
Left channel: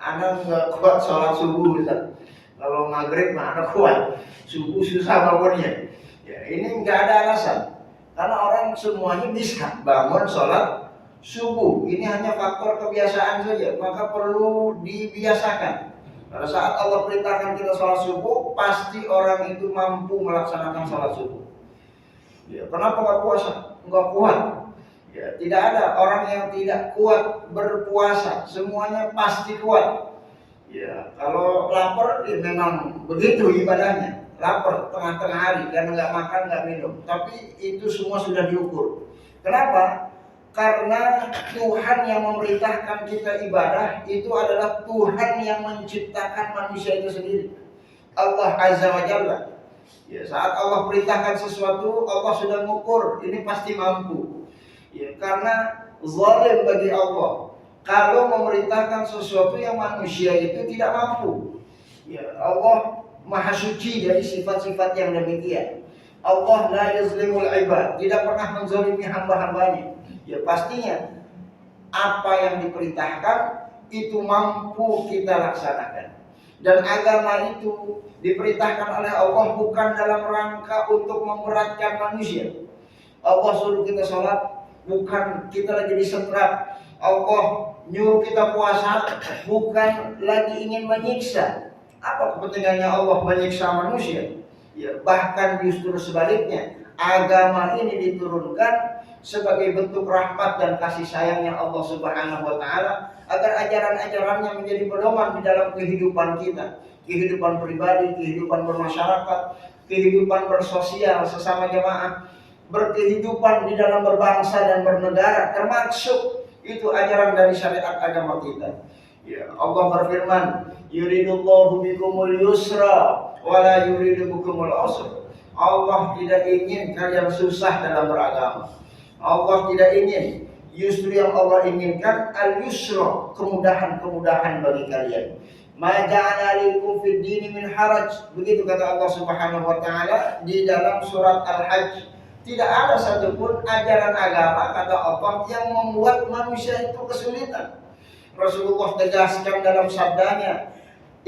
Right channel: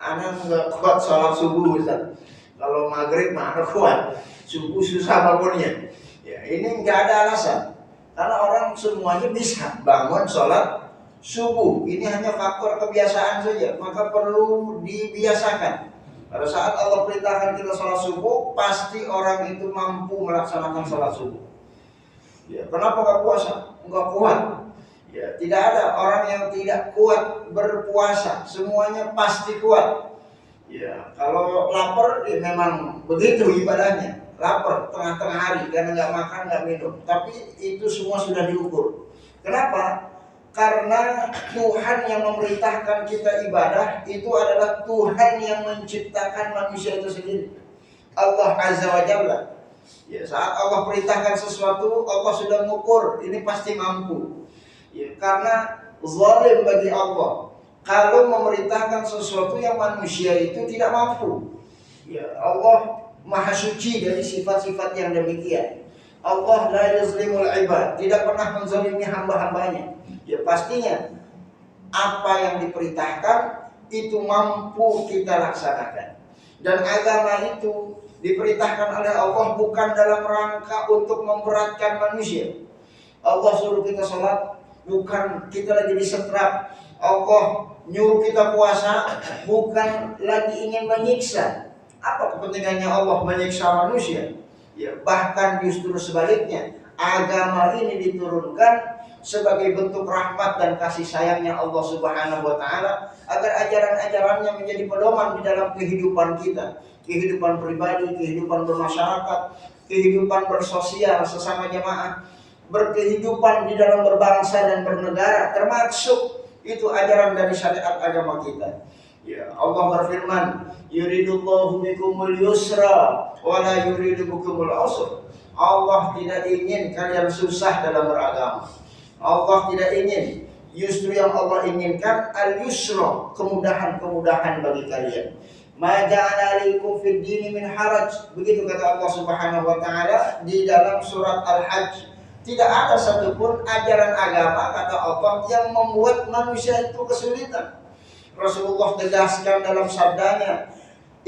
Anak nggak kuat sholat subuh, Ustaz. Kalau maghrib mah anak kuat, subuh susah bangunnya. Ya, ini nggak ada alasan, karena orang semuanya bisa bangun sholat subuh. Ini hanya faktor kebiasaan saja, maka perlu dibiasakan. Pada saat Allah perintahkan kita sholat subuh, pasti orang itu mampu melaksanakan sholat subuh. Ya, kenapa nggak puasa? Nggak kuat. Ya, tidak ada orang yang tidak kuat berpuasa. Semuanya pasti kuat. Ya, kalau lapar, ya memang begitu ibadahnya. Lapar tengah-tengah hari karena nggak makan, nggak minum. Tapi itu semua sudah diukur. Kenapa? Karena Tuhan yang memerintahkan kita ibadah itu adalah Tuhan yang menciptakan manusia itu sendiri. Allah Azza wa Jalla. Ya, saat Allah perintahkan sesuatu, Allah sudah mengukur ini pasti mampu. Ya, karena zalim bagi Allah kalau memerintahkan sesuatu yang manusia itu tidak mampu. Ya, Allah Maha suci dari sifat-sifat yang demikian. Allah la yuzlimul ibad, tidak pernah menzalimi hamba-hambanya. Ya, pastinya apa yang diperintahkan itu mampu kita laksanakan. Dan agama itu diperintahkan oleh Allah bukan dalam rangka untuk memberatkan manusia. Allah suruh kita sholat bukan kita lagi disetrap. Allah nyuruh kita puasa bukan lagi ingin menyiksa. Apa kepentingannya Allah menyiksa manusia? Ya, bahkan justru sebaliknya, agama ini diturunkan sebagai bentuk rahmat dan kasih sayangnya Allah Subhanahu wa taala agar ajaran-ajarannya menjadi pedoman di dalam kehidupan kita, kehidupan pribadi, kehidupan bermasyarakat, kehidupan bersosial sesama jemaah, berkehidupan di dalam berbangsa dan bernegara, termasuk itu ajaran dari syariat agama kita. Ya, Allah berfirman, yuridullahu bikumul yusra wa la yuridu bikumul usra. Allah tidak ingin kalian susah dalam beragama. Allah tidak ingin, justru yang Allah inginkan al-yusra, kemudahan-kemudahan bagi kalian. Ma ja'ala alaikum fid dini min haraj. Begitu kata Allah Subhanahu wa taala di dalam surat Al-Hajj. Tidak ada satupun ajaran agama kata Allah yang membuat manusia itu kesulitan. Rasulullah tegaskan dalam sabdanya,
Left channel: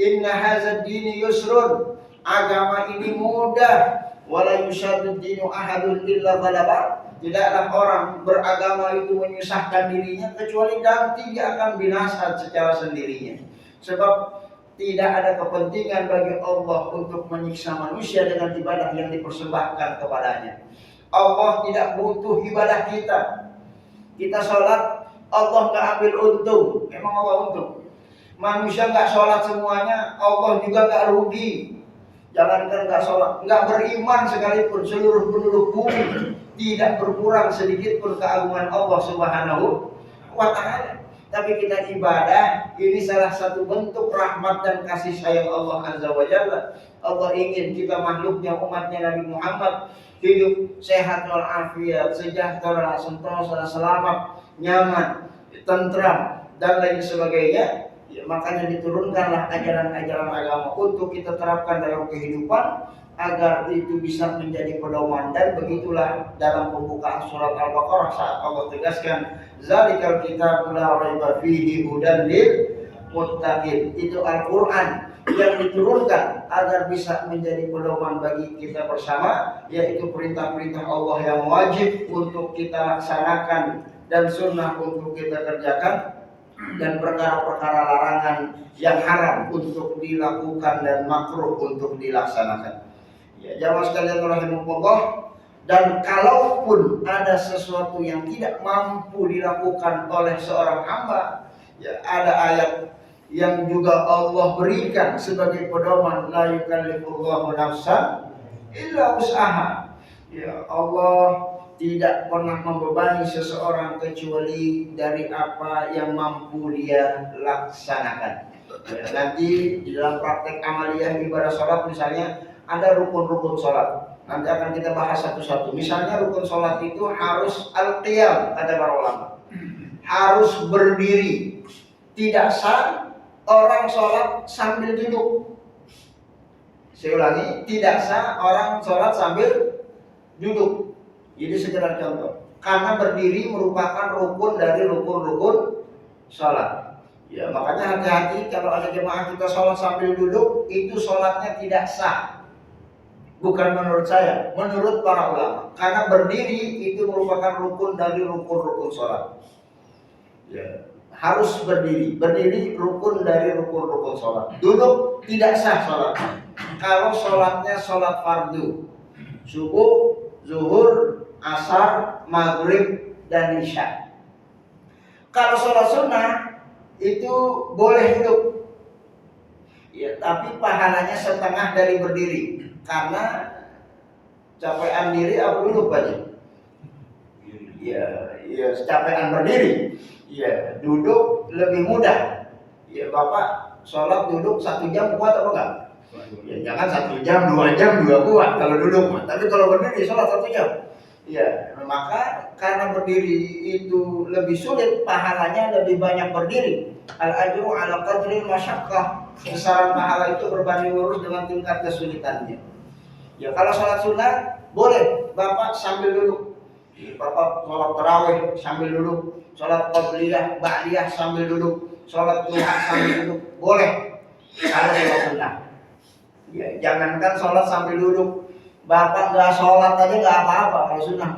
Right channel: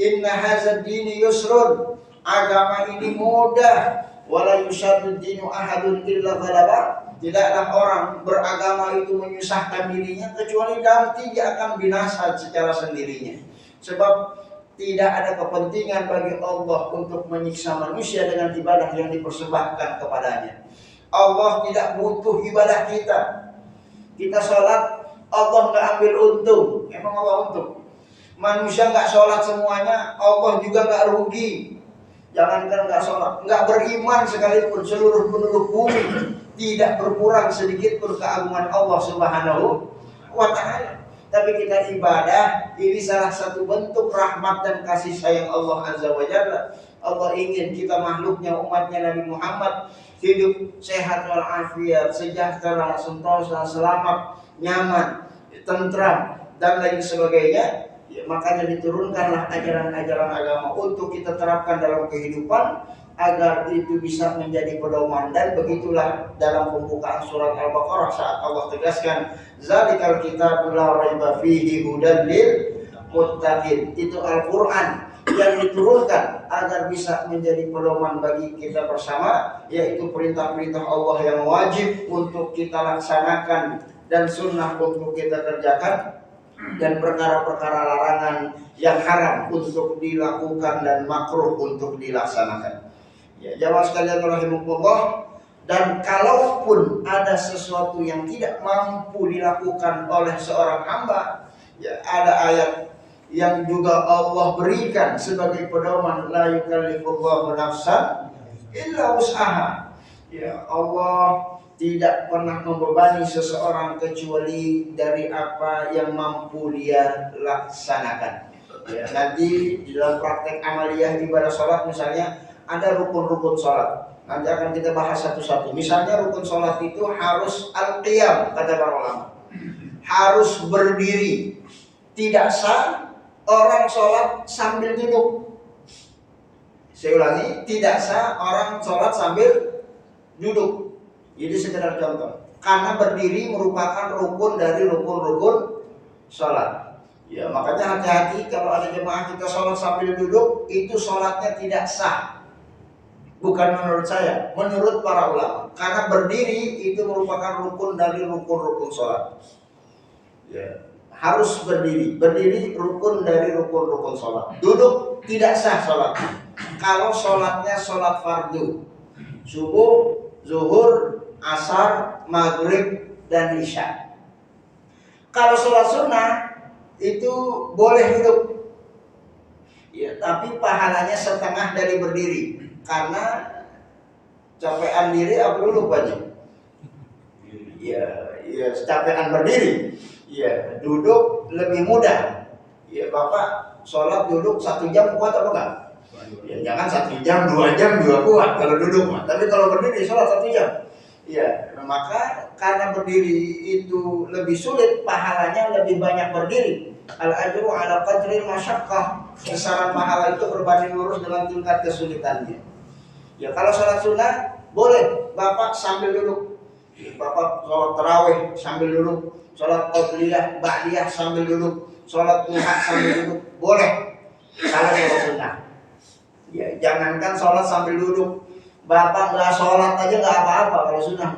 inna hadzal dini yusrun. Agama ini mudah. Wala yushaddu dinu ahadun illa ghalaba. Tidaklah orang beragama itu menyusahkan dirinya kecuali nanti dia akan binasa secara sendirinya. Sebab tidak ada kepentingan bagi Allah untuk menyiksa manusia dengan ibadah yang dipersembahkan kepadanya. Allah tidak butuh ibadah kita. Kita sholat, Allah nggak ambil untung. Emang Allah untung? Manusia nggak sholat semuanya, Allah juga nggak rugi. Jangankan nggak sholat, nggak beriman sekalipun, seluruh penduduk bumi tidak berkurang sedikit pun keagungan Allah Subhanahu wa Ta'ala. Tapi kita ibadah, ini salah satu bentuk rahmat dan kasih sayang Allah Azza wa Jalla. Allah ingin kita makhluknya, umatnya Nabi Muhammad hidup sehat walafiat, sejahtera, sentosa, selamat, nyaman, tentram, dan lain sebagainya. Ya, makanya diturunkanlah ajaran-ajaran agama untuk kita terapkan dalam kehidupan agar itu bisa menjadi pedoman. Dan begitulah dalam pembukaan surat Al-Baqarah saat Allah tegaskan zalikal kitabul la raiba fihi hudan lil muttaqin. Itu Al-Qur'an yang diturunkan agar bisa menjadi pedoman bagi kita bersama, yaitu perintah-perintah Allah yang wajib untuk kita laksanakan dan sunnah untuk kita kerjakan, dan perkara-perkara larangan yang haram untuk dilakukan dan makruh untuk dilaksanakan. Ya, jamaah sekalian rahimakumullah, dan kalaupun ada sesuatu yang tidak mampu dilakukan oleh seorang hamba, ya ada ayat yang juga Allah berikan sebagai pedoman, la yukallifullahu nafsan illa wus'aha. Ya, Allah tidak pernah membebani seseorang kecuali dari apa yang mampu dia laksanakan. Ya, nanti di dalam praktek amaliyah ibadah sholat misalnya ada rukun-rukun sholat. Nanti akan kita bahas satu-satu. Misalnya rukun sholat itu harus al-qiyam, kata para ulama. Harus berdiri. Tidak sah orang sholat sambil duduk. Saya ulangi, tidak sah orang sholat sambil duduk. Jadi sekedar contoh. Karena berdiri merupakan rukun dari rukun-rukun sholat. Ya, makanya hati-hati kalau ada jemaah kita sholat sambil duduk, itu sholatnya tidak sah. Bukan menurut saya, menurut para ulama. Karena berdiri itu merupakan rukun dari rukun-rukun sholat. Ya, harus berdiri. Berdiri rukun dari rukun-rukun sholat. Duduk tidak sah sholat. Kalau sholatnya sholat fardu, subuh, zuhur, asar, maghrib, dan isya. Kalau sholat sunnah itu boleh duduk. Ya, tapi pahalanya setengah dari berdiri. Karena capean diri apa duduk aja? Ya, capean berdiri. Ya, duduk lebih mudah. Ya, Bapak sholat duduk 1 jam kuat apa enggak? Ya, jangan 1 jam, 2 jam juga kuat kalau duduk. Tapi kalau berdiri sholat 1 jam. Ya, maka karena berdiri itu lebih sulit, pahalanya lebih banyak berdiri. Al-ajru ala qadril masyaqqah. Besaran pahala itu berbanding lurus dengan tingkat kesulitannya. Ya, kalau sholat sunnah boleh Bapak sambil duduk. Bapak sholat tarawih sambil duduk, sholat qabliyah, ba'diyah sambil duduk, sholat duha sambil duduk, boleh. Kalau sholat sunnah. Ya, jangankan sholat sambil duduk, Bapak nggak sholat aja nggak apa-apa kalau sunnah.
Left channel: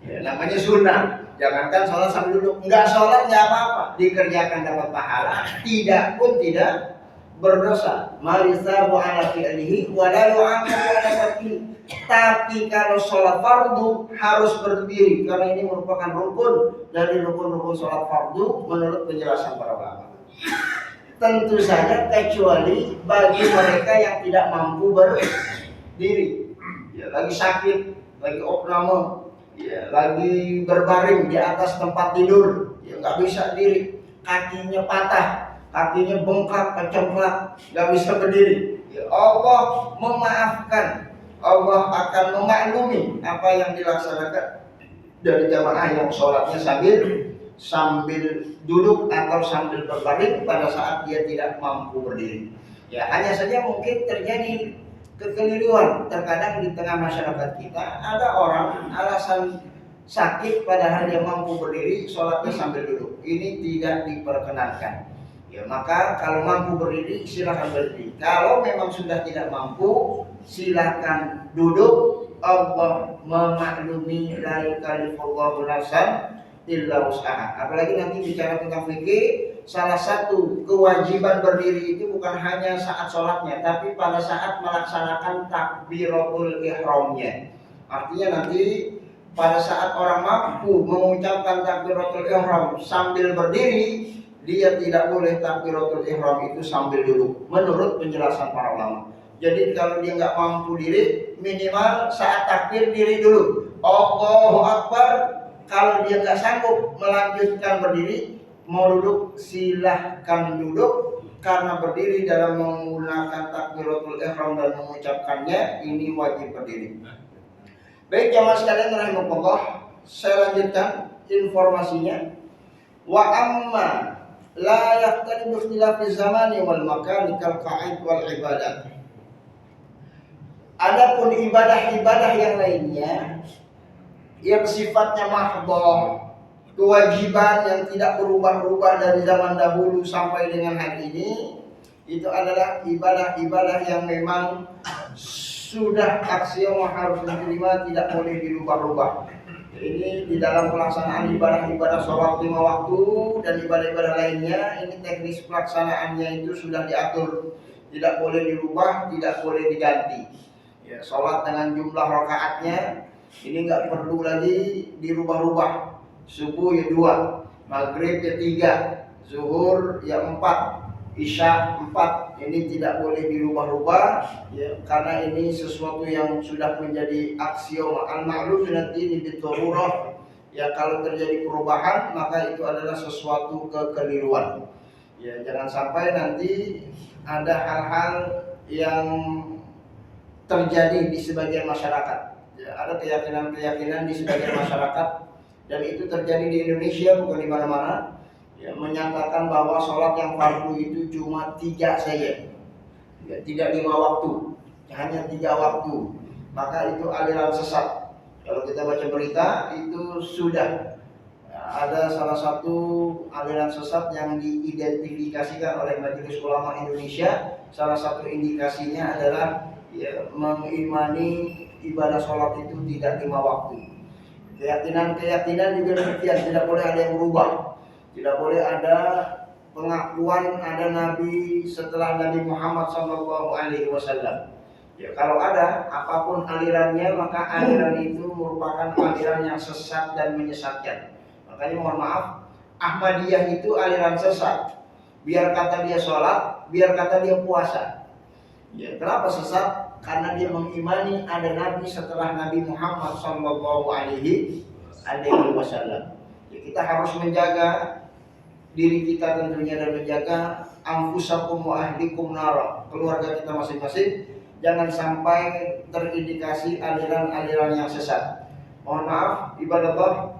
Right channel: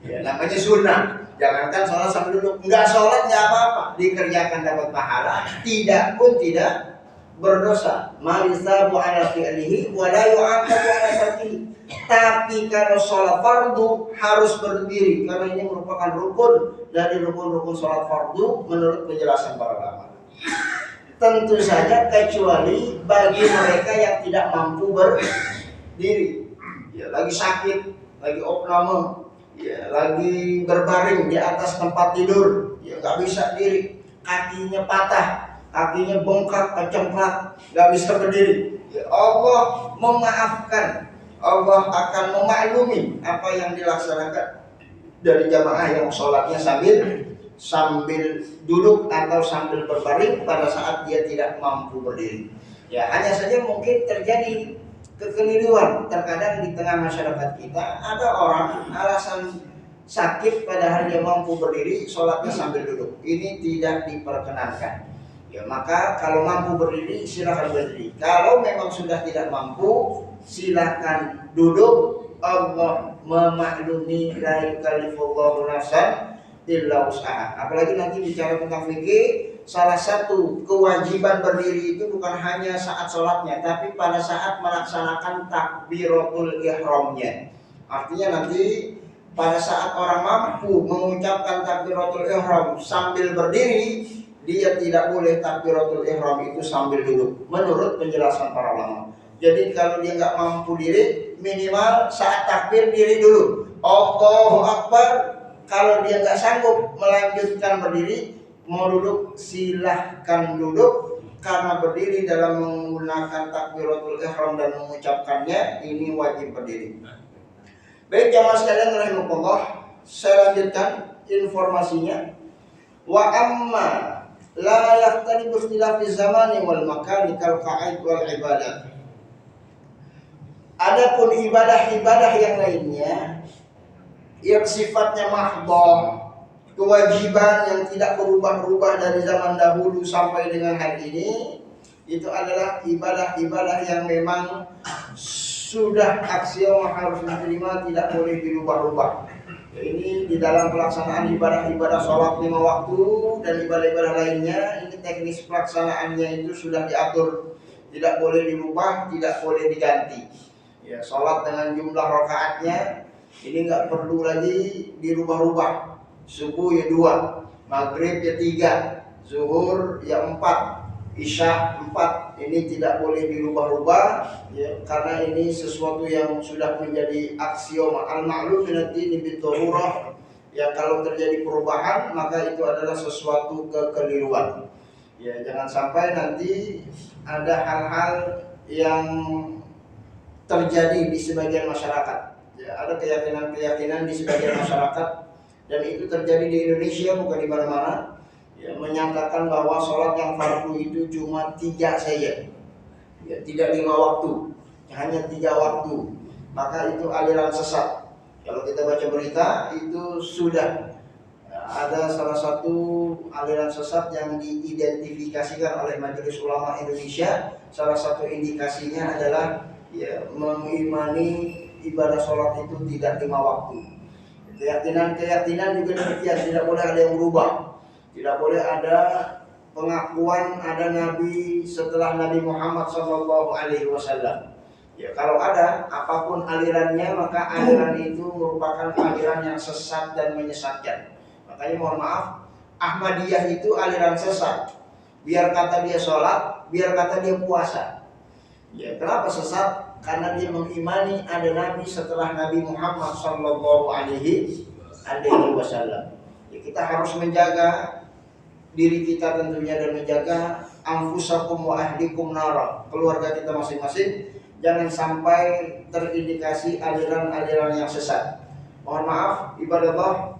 Ya, namanya sunnah. Jangankan sholat sambil duduk, nggak sholat nggak apa-apa, dikerjakan dapat pahala, tidak pun tidak berdosa. Malisabu ala fi'lihi wa la yu'aqabu ala tarkihi. Tapi kalau sholat fardu harus berdiri, karena ini merupakan rukun dari rukun-rukun sholat fardu menurut penjelasan para ulama. Tentu saja kecuali bagi mereka yang tidak mampu berdiri. Ya, lagi sakit, lagi opname, ya, lagi berbaring di atas tempat tidur, ya nggak bisa diri, kakinya patah, kakinya bengkak, kecemplak, nggak bisa berdiri. Ya, Allah memaafkan, Allah akan memaklumi apa yang dilaksanakan dari jamaah yang sholatnya sambil duduk atau sambil berbaring pada saat dia tidak mampu berdiri. Ya, hanya saja mungkin terjadi kekeliruan terkadang di tengah masyarakat kita. Ada orang alasan sakit padahal dia mampu berdiri, sholatnya sambil duduk. Ini tidak diperkenankan. Ya, maka kalau mampu berdiri silakan berdiri. Kalau memang sudah tidak mampu silakan duduk. Allah memaklumi la yukallifullahu nafsan illa wus'aha. Apalagi nanti bicara tentang fikih, salah satu kewajiban berdiri itu bukan hanya saat sholatnya, tapi pada saat melaksanakan takbiratul ihramnya. Artinya nanti pada saat orang mampu mengucapkan takbiratul ihram sambil berdiri, dia tidak boleh takbiratul ihram itu sambil duduk, menurut penjelasan para ulama. Jadi kalau dia nggak mampu diri, minimal saat takbir diri dulu, Allahu Akbar. Kalau dia nggak sanggup melanjutkan berdiri, mau duduk silahkan duduk, karena berdiri dalam menggunakan takbiratul ihram dan mengucapkannya ini wajib berdiri. Baik jamaah sekalian rahimakumullah, saya lanjutkan informasinya. Wa amma la yahtalifu ikhtilafi zamani wal makani kal qa'id wal ibadah. Adapun ibadah-ibadah yang lainnya yang sifatnya mahdhah, kewajiban yang tidak berubah-ubah dari zaman dahulu sampai dengan hari ini, itu adalah ibadah-ibadah yang memang sudah aksioma harus diterima, tidak boleh dirubah-rubah. Ini di dalam pelaksanaan ibadah-ibadah sholat 5 waktu dan ibadah-ibadah lainnya, ini teknis pelaksanaannya itu sudah diatur, tidak boleh dirubah, tidak boleh diganti. Ya, sholat dengan jumlah rakaatnya ini nggak perlu lagi dirubah-rubah. Subuh ya 2, maghrib ya 3, zuhur ya 4, isya 4. Ini tidak boleh dirubah-rubah ya, karena ini sesuatu yang sudah menjadi aksioma al-ma'lum min ad-din bid-darurah. Ya, kalau terjadi perubahan maka itu adalah sesuatu kekeliruan. Ya, jangan sampai nanti ada hal-hal yang terjadi di sebagian masyarakat. Ya, ada keyakinan-keyakinan di sebagian masyarakat, dan itu terjadi di Indonesia bukan di mana-mana. Ya, menyatakan bahwa sholat yang fardu itu cuma 3 saja, ya, tidak 5 waktu, hanya 3 waktu. Maka itu aliran sesat. Kalau kita baca berita itu sudah ada salah satu aliran sesat yang diidentifikasikan oleh Majelis Ulama Indonesia. Salah satu indikasinya adalah ya, mengimani ibadah sholat itu tidak 5 waktu. Keyakinan juga demikian, tidak boleh ada yang berubah. Tidak boleh ada pengakuan ada nabi setelah Nabi Muhammad SAW. Ya, kalau ada apapun alirannya, maka aliran itu merupakan aliran yang sesat dan menyesatkan. Makanya mohon maaf, Ahmadiyah itu aliran sesat. Biar kata dia sholat, biar kata dia puasa. Ya, kenapa sesat? Karena dia mengimani ada nabi setelah Nabi Muhammad SAW. Ya, kita harus menjaga diri kita tentunya dan menjaga anfusakum wa ahlikum nara, keluarga kita masing-masing, jangan sampai terindikasi aliran-aliran yang sesat. Mohon maaf, ibadallah,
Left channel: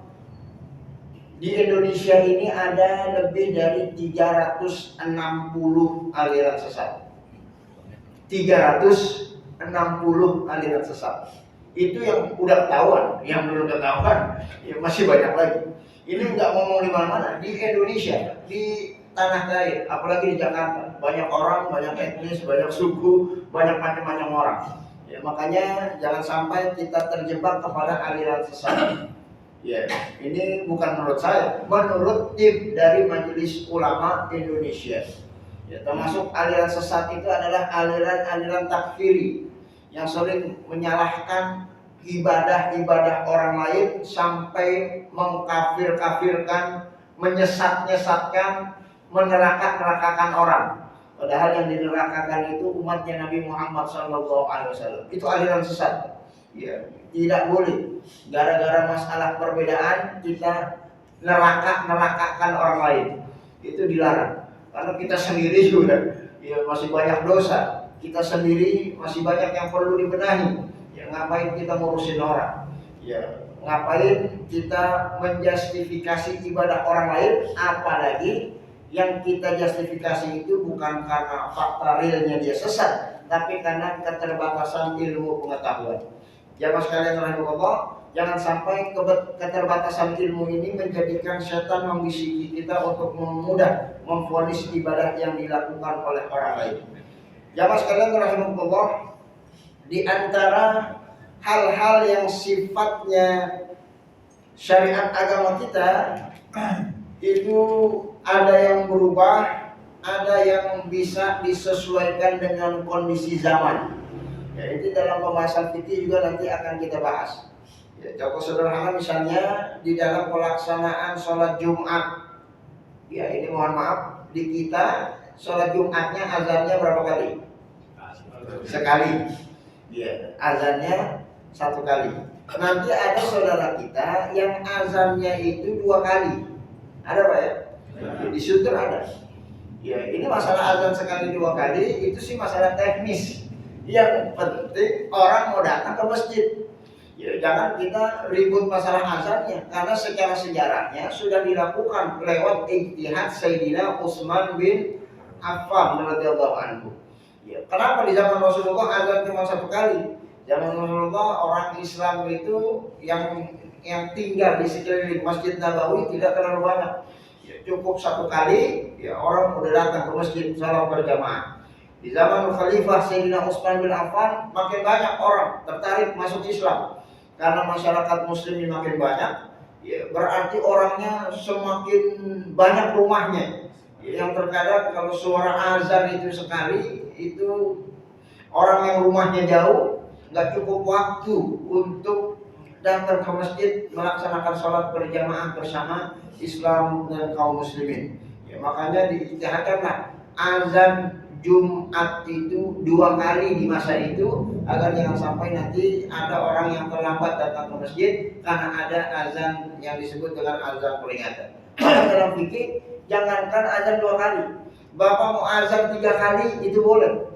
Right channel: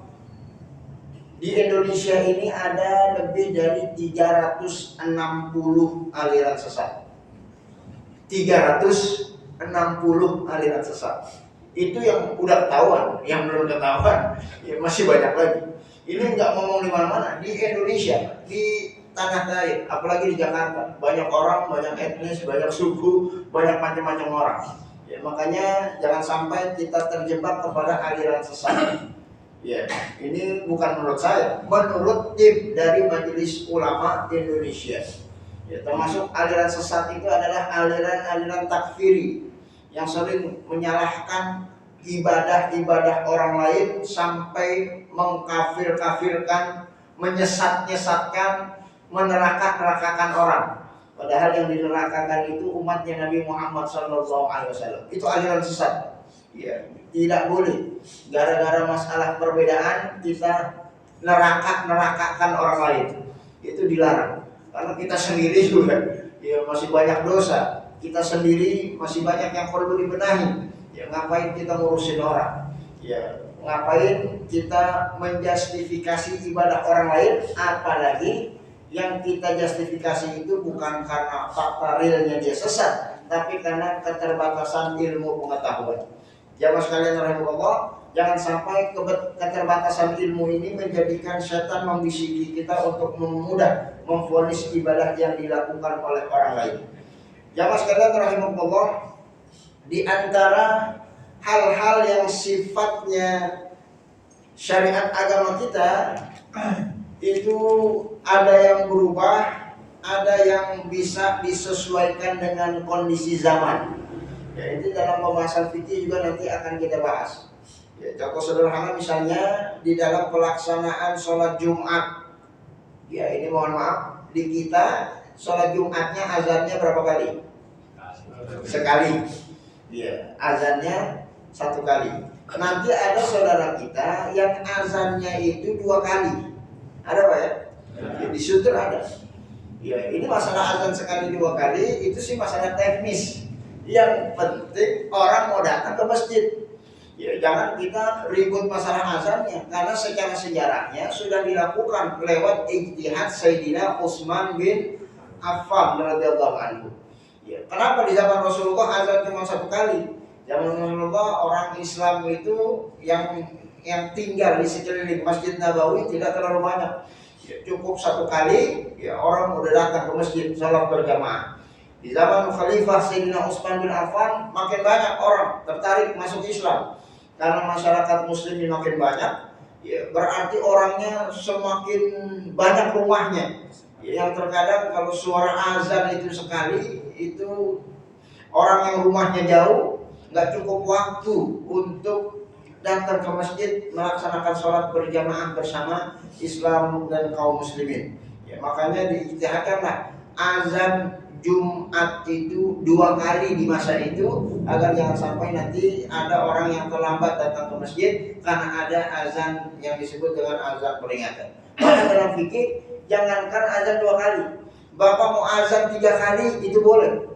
di Indonesia ini ada lebih dari 360 aliran sesat. 360 aliran sesat. Itu yang udah ketahuan, yang belum ketahuan ya masih banyak lagi. Ini nggak ngomong di mana-mana, di Indonesia, di tanah air, apalagi di Jakarta, banyak orang, banyak etnis, banyak suku, banyak macam-macam orang. Ya, makanya jangan sampai kita terjebak kepada aliran sesat. Ya, ini bukan menurut saya, menurut tim dari Majelis Ulama Indonesia. Ya, termasuk aliran sesat itu adalah aliran-aliran takfiri yang sering menyalahkan ibadah-ibadah orang lain sampai mengkafir-kafirkan, menyesat-nyesatkan, meneraka-nerakakan orang. Padahal yang dinerakakan itu umatnya Nabi Muhammad SAW. Itu aliran sesat. Ya, tidak boleh gara-gara masalah perbedaan kita nerakakan orang lain. Itu dilarang. Karena kita sendiri juga ya masih banyak dosa. Kita sendiri masih banyak yang perlu dibenahi. Ya, ngapain kita ngurusin orang? Ya, ngapain kita menjustifikasi ibadah orang lain? Apalagi yang kita justifikasi itu bukan karena fakta realnya dia sesat, tapi karena keterbatasan ilmu pengetahuan. Jamaah sekalian rahimahullah, jangan sampai keterbatasan ilmu ini menjadikan setan membisiki kita untuk memudah memvonis ibadah yang dilakukan oleh orang lain. Jamaah sekalian rahimahullah, di antara hal-hal yang sifatnya syariat agama kita itu ada yang berubah, ada yang bisa disesuaikan dengan kondisi zaman. Ya, itu dalam pembahasan fikih juga nanti akan kita bahas. Ya, contoh sederhana misalnya di dalam pelaksanaan sholat Jumat. Ya, ini mohon maaf, di kita sholat Jumatnya azannya berapa kali? Sekali. Ya, azannya 1 kali. Nanti ada saudara kita yang azannya itu 2 kali. Ada Pak ya? Di Sutur ada. Ya, ini masalah azan sekali 2 kali itu sih masalah teknis. Yang penting orang mau datang ke masjid. Ya, jangan kita ribut masalah azannya, karena secara sejarahnya sudah dilakukan lewat ijtihad Sayyidina Utsman bin Affan radhiyallahu anhu. Ya, kenapa di zaman Rasulullah azan cuma 1 kali? Zaman Rasulullah orang Islam itu yang tinggal di sekeliling Masjid Nabawi tidak terlalu banyak. Ya, cukup 1 kali, ya orang udah datang ke masjid salat berjamaah. Di zaman Khalifah Sayyidina Utsman bin Affan makin banyak orang tertarik masuk Islam. Karena masyarakat muslimin makin banyak, ya berarti orangnya semakin banyak rumahnya. Ya, yang terkadang kalau suara azan itu sekali, itu orang yang rumahnya jauh nggak cukup waktu untuk datang ke masjid melaksanakan sholat berjamaah bersama Islam dan kaum muslimin. Ya, makanya diijtihadkanlah azan Jumat itu 2 kali di masa itu, agar jangan sampai nanti ada orang yang terlambat datang ke masjid karena ada azan yang disebut dengan azan peringatan. Maka dalam fikih jangankan azan 2 kali, Bapak mau azan 3 kali itu boleh.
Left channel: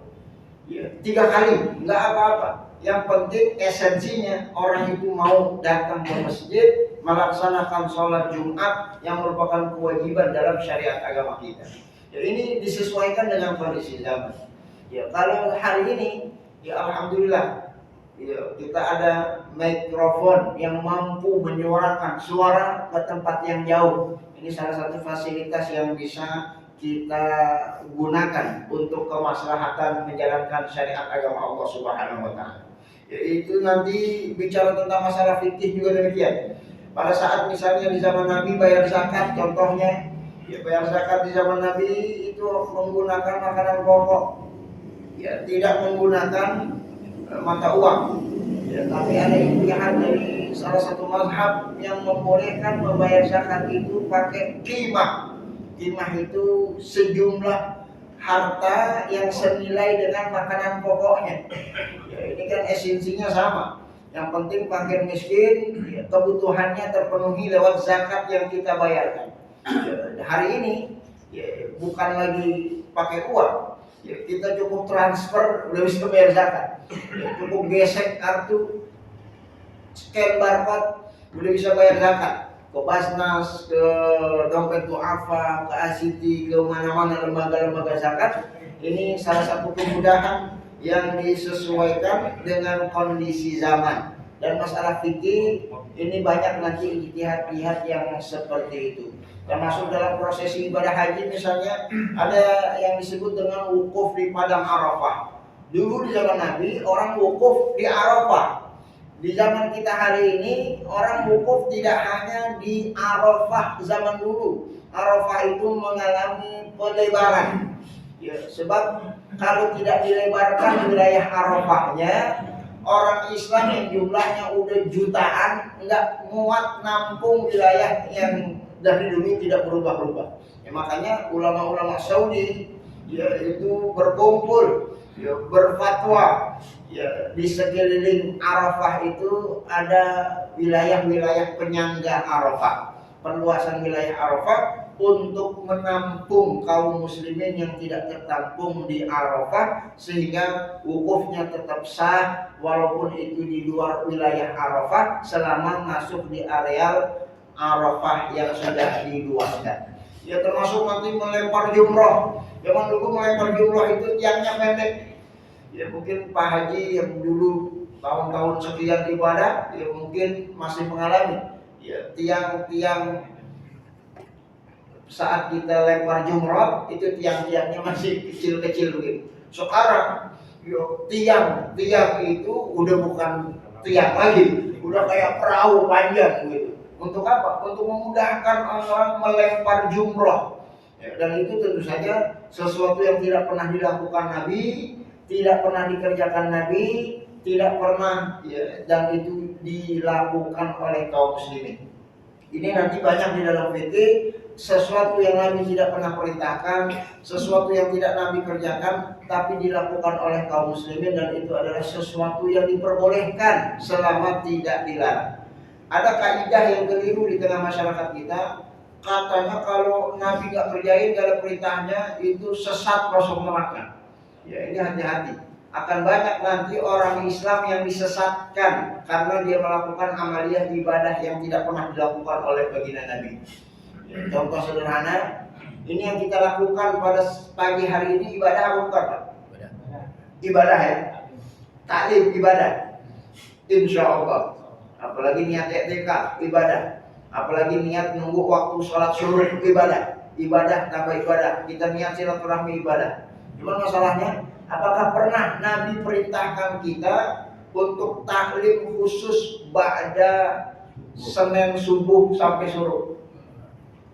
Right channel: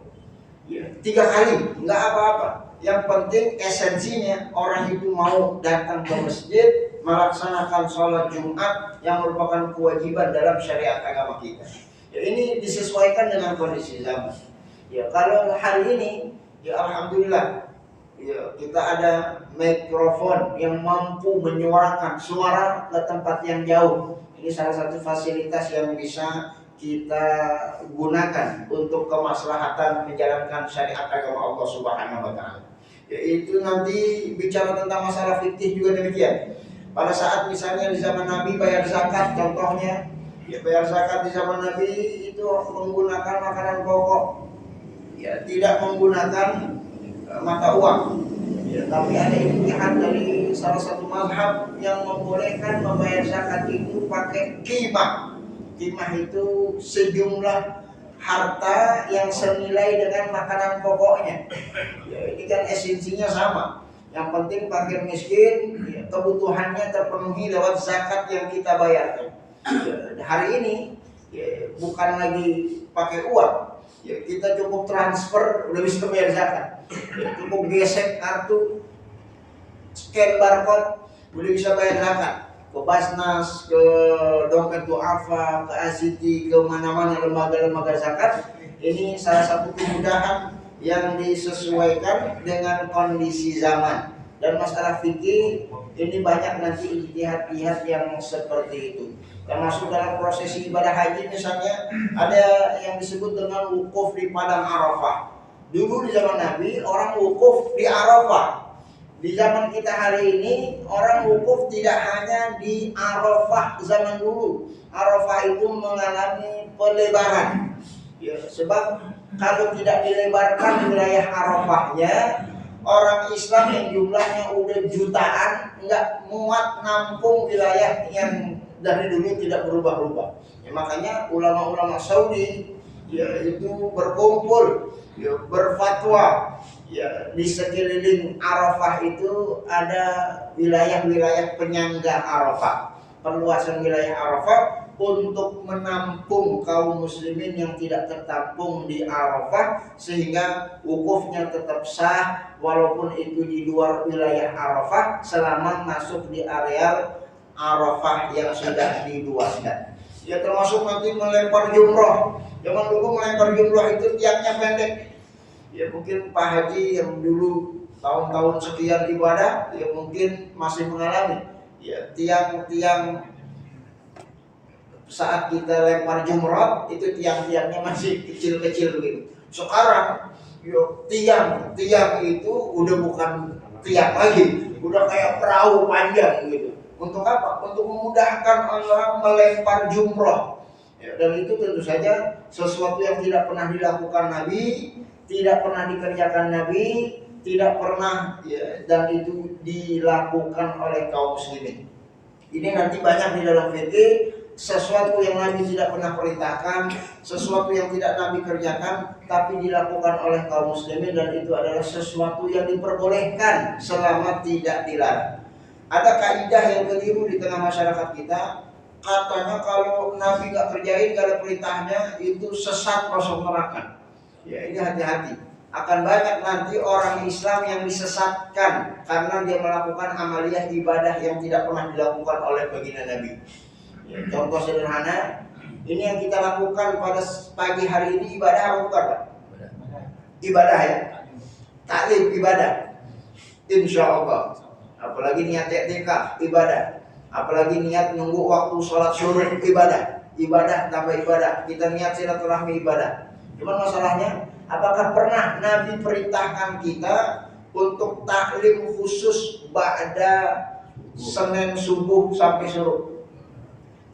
Ya, 3 kali nggak apa-apa. Yang penting esensinya orang itu mau datang ke masjid melaksanakan sholat Jumat yang merupakan kewajiban dalam syariat agama kita. Ya, ini disesuaikan dengan kondisi zaman. Ya, kalau hari ini, ya alhamdulillah, ya kita ada mikrofon yang mampu menyuarakan suara ke tempat yang jauh. Ini salah satu fasilitas yang bisa kita gunakan untuk kemaslahatan menjalankan syariat agama Allah Subhanahu wa taala. Yaitu nanti bicara tentang masalah fikih juga demikian. Pada saat misalnya di zaman Nabi bayar zakat contohnya, ya bayar zakat di zaman Nabi itu menggunakan makanan pokok. Ya, tidak menggunakan mata uang. Ya, tapi ada ijtihad dari salah satu mazhab yang membolehkan membayar zakat itu pakai qimah. Qimah itu sejumlah harta yang senilai dengan makanan pokoknya. Ya, ini kan esensinya sama. Yang penting fakir miskin, ya, kebutuhannya terpenuhi lewat zakat yang kita bayarkan. Ya, hari ini ya, bukan lagi pakai uang. Ya, kita cukup transfer udah bisa bayar zakat. Ya, cukup gesek kartu, scan barcode udah bisa bayar zakat. Ke Basnas, ke Dompet Duafa, ke ACT, ke mana-mana lembaga-lembaga zakat. Ini salah satu kemudahan yang disesuaikan dengan kondisi zaman. Dan masalah fikih ini banyak nanti ijtihad-ijtihad yang seperti itu. Termasuk dalam prosesi ibadah haji misalnya ada yang disebut dengan wukuf di padang Arafah. Dulu di zaman Nabi orang wukuf di Arafah. Di zaman kita hari ini orang wukuf tidak hanya di Arafah zaman dulu. Arafah itu mengalami pelebaran. Ya, sebab kalau tidak dilebarkan wilayah Arafahnya, orang Islam yang jumlahnya udah jutaan nggak muat nampung wilayah yang dari dulu tidak berubah-ubah. Ya, makanya ulama-ulama Saudi ya itu berkumpul, ya berfatwa. Ya, di sekeliling Arafah itu ada wilayah-wilayah penyangga Arafah. Perluasan wilayah Arafah untuk menampung kaum muslimin yang tidak tertampung di Arafah, sehingga wukufnya tetap sah walaupun itu di luar wilayah Arafah selama masuk di areal Arafah yang sudah diluaskan. Ya, termasuk nanti melempar jumroh. Zaman dulu melempar jumroh itu tiangnya pendek. Ya, mungkin Pak Haji yang dulu tahun-tahun sekian ibadah ya mungkin masih mengalami ya tiang-tiang saat kita lempar jumroh itu tiang-tiangnya masih kecil-kecil begitu. Sekarang yo tiang itu udah bukan tiang lagi, udah kayak perahu panjang gitu. Untuk apa? Untuk memudahkan orang melempar jumroh. Ya, dan itu tentu saja sesuatu yang tidak pernah dilakukan Nabi, tidak pernah dikerjakan Nabi, tidak pernah ya, dan itu dilakukan oleh kaum muslimin. Ini nanti banyak di dalam fikih, sesuatu yang Nabi tidak pernah perintahkan, sesuatu yang tidak Nabi kerjakan, tapi dilakukan oleh kaum muslimin, dan itu adalah sesuatu yang diperbolehkan selama tidak dilarang. Ada kaidah yang keliru di tengah masyarakat kita, katanya kalau Nabi gak kerjain, gak ada perintahnya, itu sesat masuk neraka. Ya, ini hati-hati. Akan banyak nanti orang Islam yang disesatkan karena dia melakukan amaliyah ibadah yang tidak pernah dilakukan oleh baginda Nabi. Ya, contoh sederhana, ini yang kita lakukan pada pagi hari ini ibadah apa bukan, Pak? Ibadah ya. Taklim ibadah. Insya Allah. Apalagi niat i'tikaf ibadah. Apalagi niat nunggu waktu sholat syuruk ibadah. Ibadah tambah ibadah. Kita niat silaturahmi ibadah. Cuman masalahnya, apakah pernah Nabi perintahkan kita untuk taklim khusus ba'da Senin subuh sampai syuruk?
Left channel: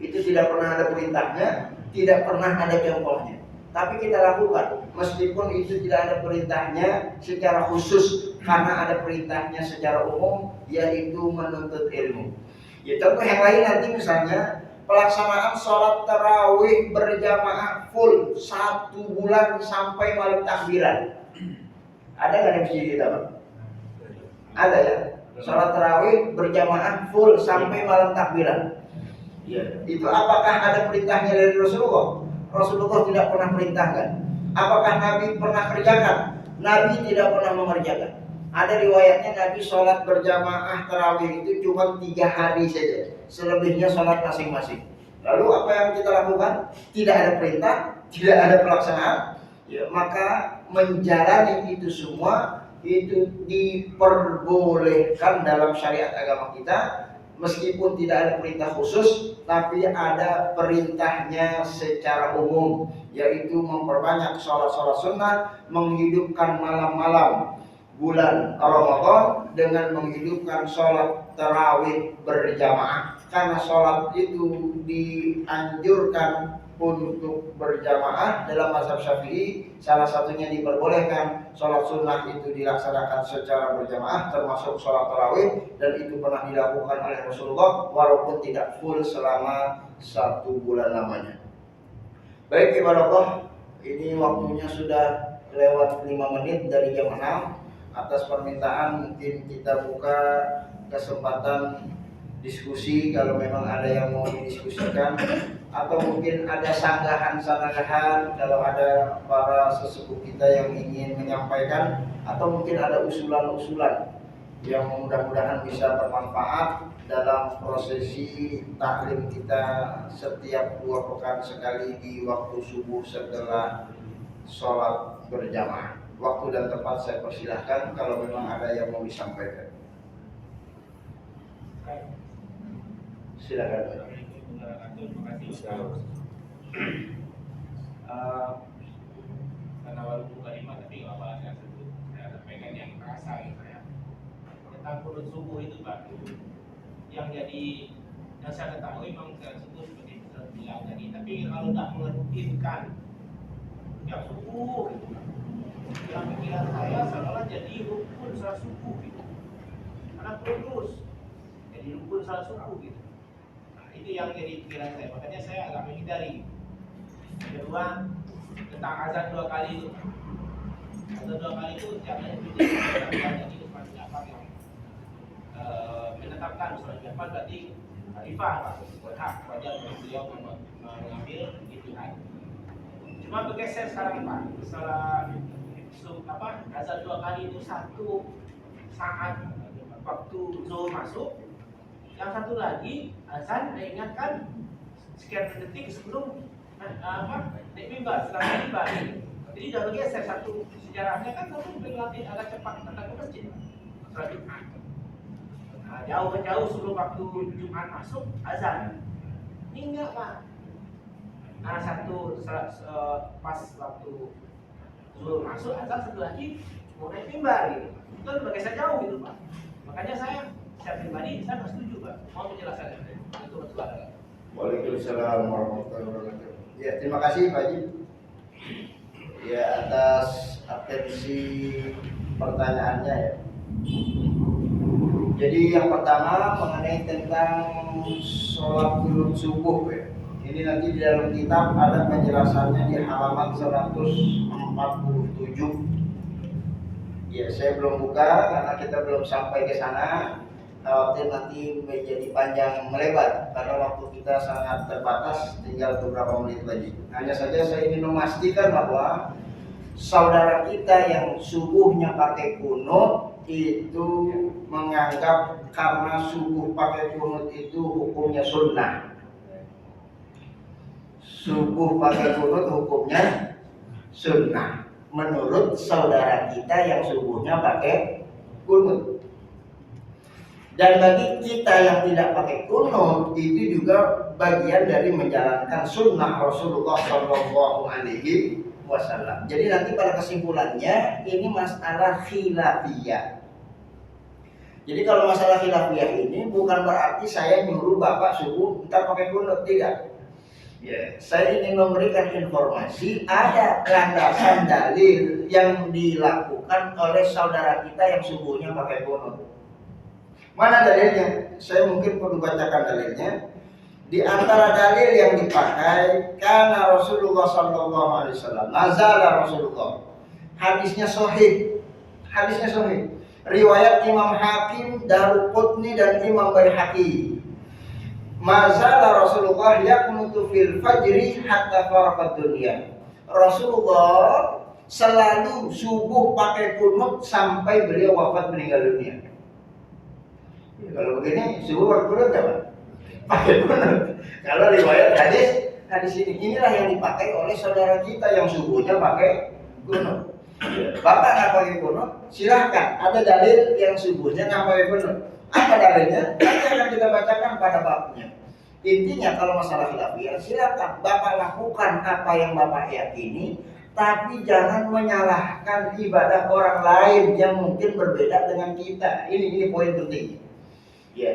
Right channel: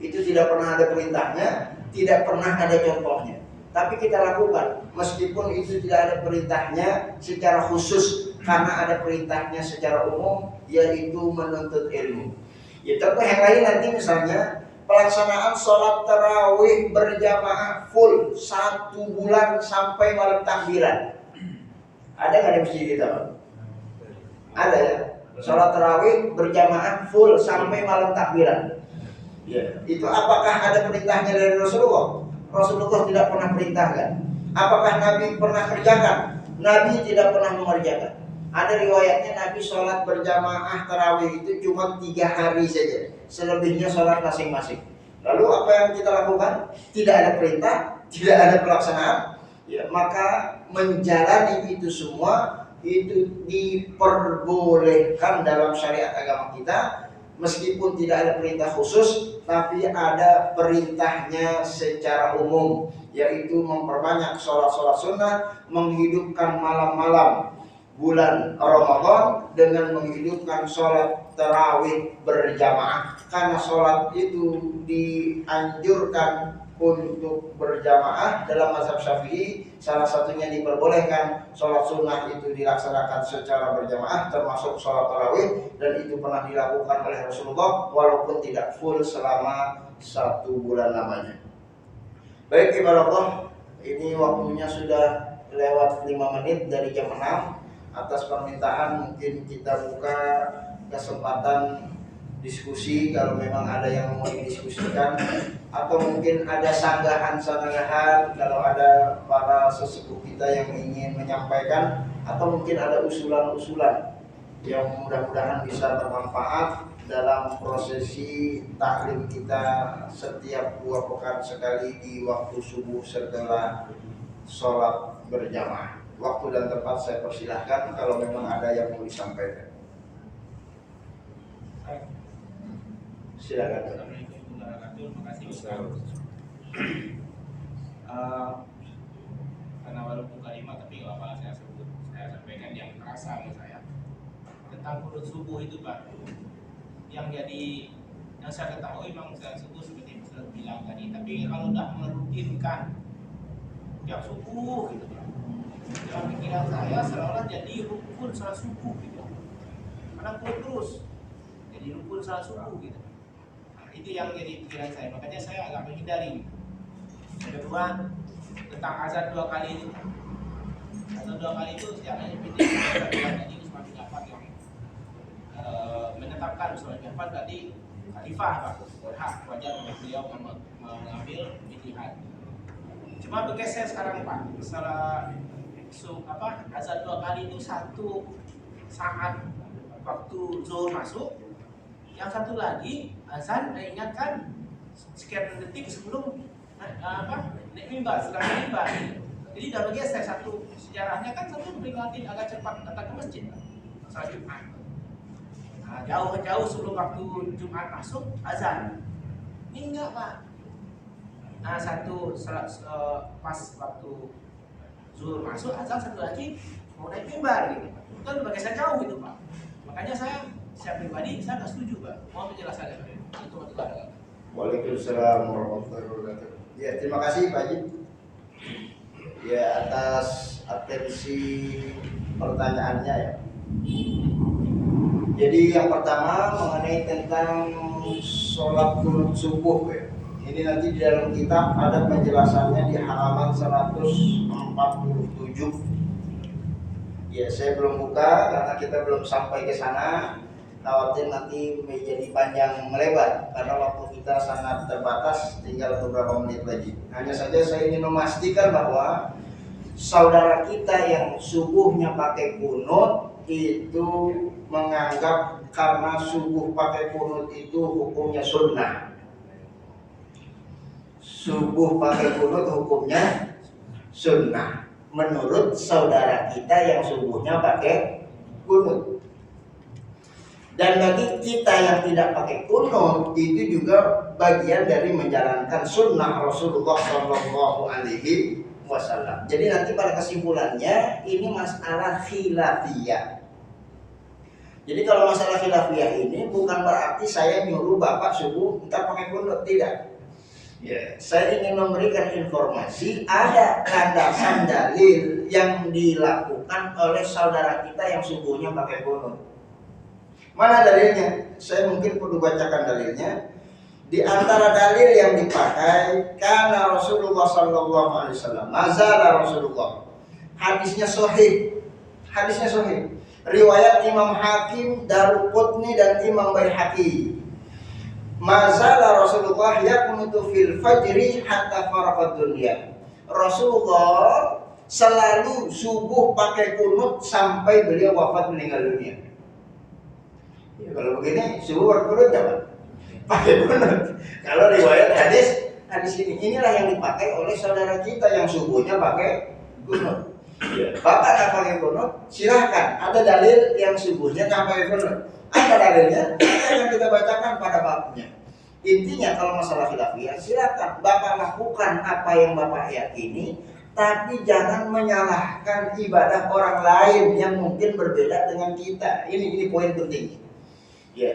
Itu tidak pernah ada perintahnya, tidak pernah ada contohnya. Tapi kita lakukan, meskipun itu tidak ada perintahnya secara khusus, karena ada perintahnya secara umum, yaitu menuntut ilmu. Ya, contoh yang lain nanti misalnya pelaksanaan sholat tarawih berjamaah full 1 bulan sampai malam takbiran. Ada nggak di masjid kita, Pak? Ada ya. Sholat tarawih berjamaah full sampai malam takbiran. Ya, itu apakah ada perintahnya dari Rasulullah? Rasulullah tidak pernah perintahkan. Apakah Nabi pernah kerjakan? Nabi tidak pernah mengerjakan. Ada riwayatnya Nabi sholat berjamaah tarawih itu cuma 3 hari saja. Selebihnya sholat masing-masing. Lalu apa yang kita lakukan? Tidak ada perintah, tidak ada pelaksanaan. Ya, maka menjalani itu semua itu diperbolehkan dalam syariat agama kita, meskipun tidak ada perintah khusus, tapi ada perintahnya secara umum, yaitu memperbanyak sholat-sholat sunnah, menghidupkan malam-malam bulan Ramadan dengan menghidupkan sholat tarawih berjamaah. Karena sholat itu dianjurkan untuk berjamaah dalam mazhab Syafi'i, salah satunya diperbolehkan sholat sunnah itu dilaksanakan secara berjamaah, termasuk sholat tarawih, dan itu pernah dilakukan oleh Rasulullah walaupun tidak full selama 1 bulan lamanya. Baik ibadah Allah, ini waktunya sudah lewat 5 menit dari jam 6. Atas permintaan mungkin kita buka kesempatan diskusi kalau memang ada yang mau didiskusikan, atau mungkin ada sanggahan-sanggahan kalau ada para sesepuh kita yang ingin menyampaikan, atau mungkin ada usulan-usulan yang mudah-mudahan bisa bermanfaat dalam prosesi taklim kita setiap 2 pekan sekali di waktu subuh setelah sholat berjamaah. Waktu dan tempat saya persilahkan kalau memang ada yang mau disampaikan. Silakan. Terima kasih Ustaz. Karena walaupun kalimat tapi apa saya sampaikan yang terasa saya tentang kunut subuh itu Pak. Yang saya ketahui memang saya subuh seperti Ustaz bilang tadi, tapi kalau tidak merutinkan tiap subuh gitu Pak. Dalam pikiran saya seolah jadi rukun salat subuh gitu. Karena terus jadi rukun salat subuh gitu. Nah, itu yang jadi pikiran saya. Makanya saya agak menghindari. Yang kedua tentang azan 2 kali itu. Azan 2 kali itu sejarahnya seperti tadi Usman bin Affan yang menetapkan Usman bin Affan berarti khalifah Pak. Hak wajar untuk beliau mengambil ijtihad. Cuma bergeser sekarang Pak. Masalah azan 2 kali itu 1 saat waktu zuhur masuk, yang satu lagi azan diingatkan sekian detik sebelum naik mimbar, setelah mimbar. Jadi udah bergeser satu, sejarahnya kan satu melewati agak cepat datang ke masjid salat Jumat. Nah, jauh sebelum waktu Jumat masuk azan. Ini enggak Pak. Nah satu pas waktu zuhur masuk azan, satu lagi mau naik mimbar gitu. Itu kan bergeser jauh gitu Pak. Makanya saya pribadi saya nggak setuju Pak. Mau penjelasan itu betul. Waalaikumsalam warahmatullahi wabarakatuh. Ya, terima kasih Pak Haji. Ya, atas atensi pertanyaannya ya. Jadi yang pertama mengenai tentang sholat kunut subuh ya. Ini nanti di dalam kitab ada penjelasannya di halaman 147. Ya, saya belum buka karena kita belum sampai ke sana. Khawatir nanti menjadi panjang melebar karena waktu kita sangat terbatas, tinggal beberapa menit lagi. Hanya saja saya ingin memastikan bahwa saudara kita yang subuhnya pakai kunut itu menganggap karena subuh pakai kunut itu hukumnya sunnah. Subuh pakai kunut hukumnya sunnah menurut saudara kita yang subuhnya pakai kunut. Dan bagi kita yang tidak pakai kunut itu juga bagian dari menjalankan sunnah Rasulullah Shallallahu Alaihi Wasallam. Jadi nanti pada kesimpulannya ini masalah khilafiyah. Jadi kalau masalah khilafiyah ini bukan berarti saya nyuruh bapak subuh kita pakai kunut, tidak. Ya, saya ingin memberikan informasi ada landasan dalil yang dilakukan oleh saudara kita yang subuhnya pakai kunut. Mana dalilnya? Saya mungkin perlu bacakan dalilnya. Di antara dalil yang dipakai karena Rasulullah Sallallahu Alaihi Wasallam, mazala Rasulullah. Hadisnya sahih. Hadisnya sahih. Riwayat Imam Hakim, Daruqutni dan Imam Baihaqi. Mazala Rasulullah yakunutu fil fajri hatta faraqad dunya. Rasulullah selalu subuh pakai kunut sampai beliau wafat meninggal dunia. Ya, kalau begini subuh pakai kunut apa? Pakai kunut. Kalau riwayat hadis inilah yang dipakai oleh saudara kita yang subuhnya pakai kunut. Bapak nggak pakai kunut, silahkan. Ada dalil yang subuhnya nggak pakai kunut. Apa dalilnya? Nanti akan kita bacakan pada babnya. Intinya kalau masalah khilafiyah, silakan Bapak lakukan apa yang Bapak yakini, tapi jangan menyalahkan ibadah orang lain yang mungkin berbeda dengan kita. Ini poin penting. Ya,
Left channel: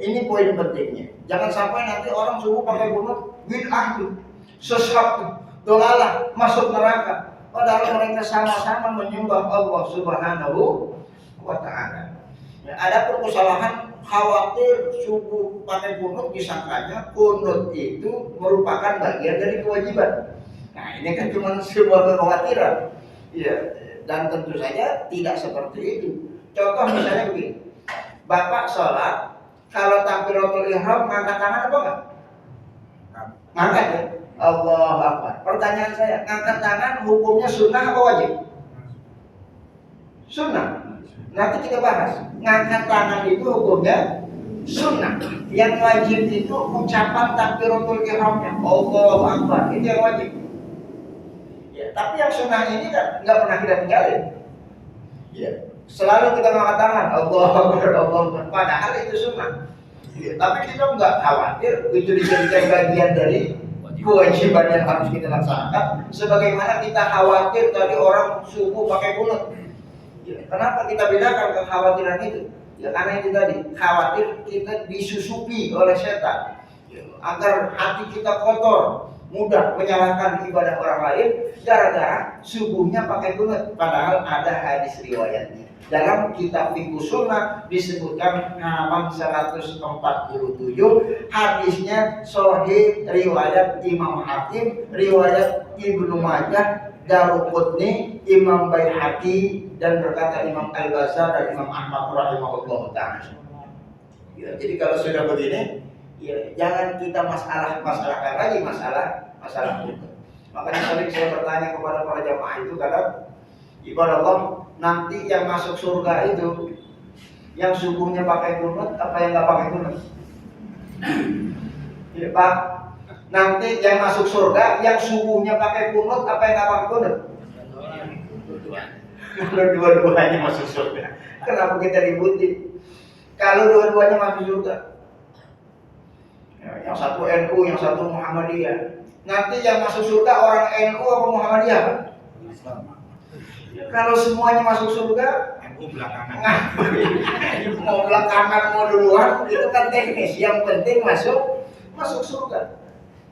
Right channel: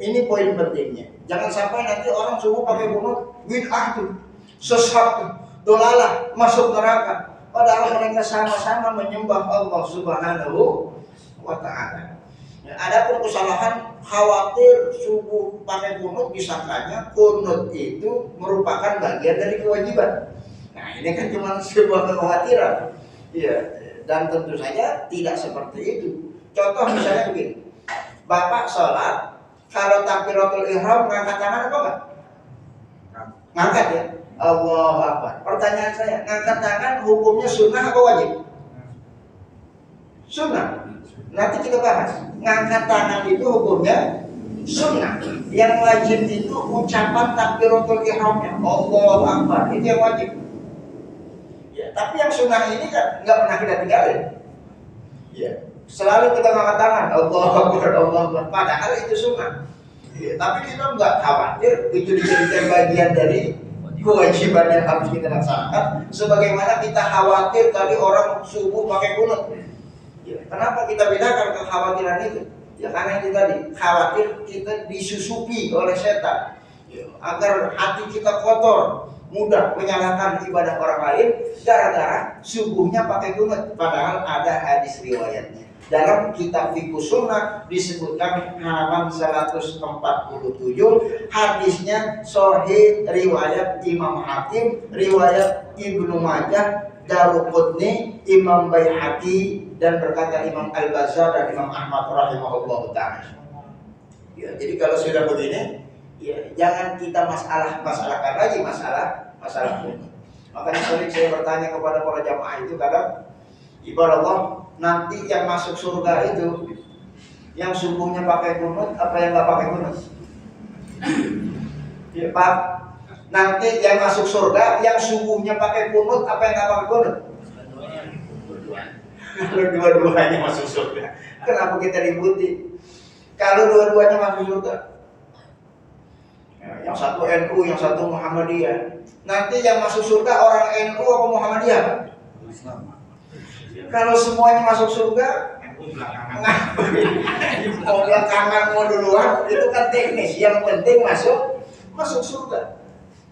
ini poin pentingnya. Jangan sampai nanti orang subuh pakai kunut, bid'ah tuh, sesat tuh, dolalah, masuk neraka. Padahal mereka sama-sama menyembah Allah Subhanahu wa Ta'ala. Ya, adapun kesalahan khawatir subuh pakai kunut, disangkanya kunut itu merupakan bagian dari kewajiban. Nah, ini kan cuma sebuah kekhawatiran. Iya, dan tentu saja tidak seperti itu. Contoh misalnya begini. Bapak sholat, kalau takbiratul ihram ngangkat tangan apa enggak? Ngangkat ya? Allahu Akbar. Pertanyaan saya, ngangkat tangan hukumnya sunnah apa wajib? Sunnah. Nanti kita bahas. Ngangkat tangan itu hukumnya sunnah. Yang wajib itu ucapan takbiratul ihramnya. Allahu Akbar. Itu yang wajib. Ya, tapi yang sunnah ini kan nggak pernah kita tinggalin. Ya. Selalu kita ngangkat tangan, Allahu Akbar, Allahu Akbar. Padahal itu sunnah. Ya, tapi kita nggak khawatir itu dijadikan bagian dari kewajiban yang harus kita laksanakan. Sebagaimana kita khawatir tadi orang subuh pakai kunut. Ya, kenapa kita bedakan kekhawatiran itu? Ya karena itu tadi, khawatir kita disusupi oleh setan. Ya, agar hati kita kotor, mudah menyalahkan ibadah orang lain gara-gara subuhnya pakai kunut. Padahal ada hadis riwayatnya. Dalam kitab Fiqh Sunnah disebutkan halaman 147, hadisnya sahih, riwayat Imam Hakim, riwayat Ibnu Majah, Daruqutni, Imam Baihaqi, dan berkata Imam Al-Bazzar dan Imam Ahmad rahimahullah ta'ala. Ya, jadi kalau sudah begini, ya jangan kita masalahkan lagi masalah ini. Makanya sering saya bertanya kepada para jamaah itu kadang, ibadah Allah, nanti yang masuk surga itu yang subuhnya pakai kunut apa yang nggak pakai kunut? Ya Pak, nanti yang masuk surga yang subuhnya pakai kunut apa yang nggak pakai kunut? Kalau dua-duanya masuk surga, kenapa kita ributi? Kalau dua-duanya masuk surga, ya, yang satu NU, yang satu Muhammadiyah. Nanti yang masuk surga orang NU apa Muhammadiyah Pak? Islam. Kalau semuanya masuk surga, mau belakangan mau duluan itu kan teknis. Yang penting masuk surga.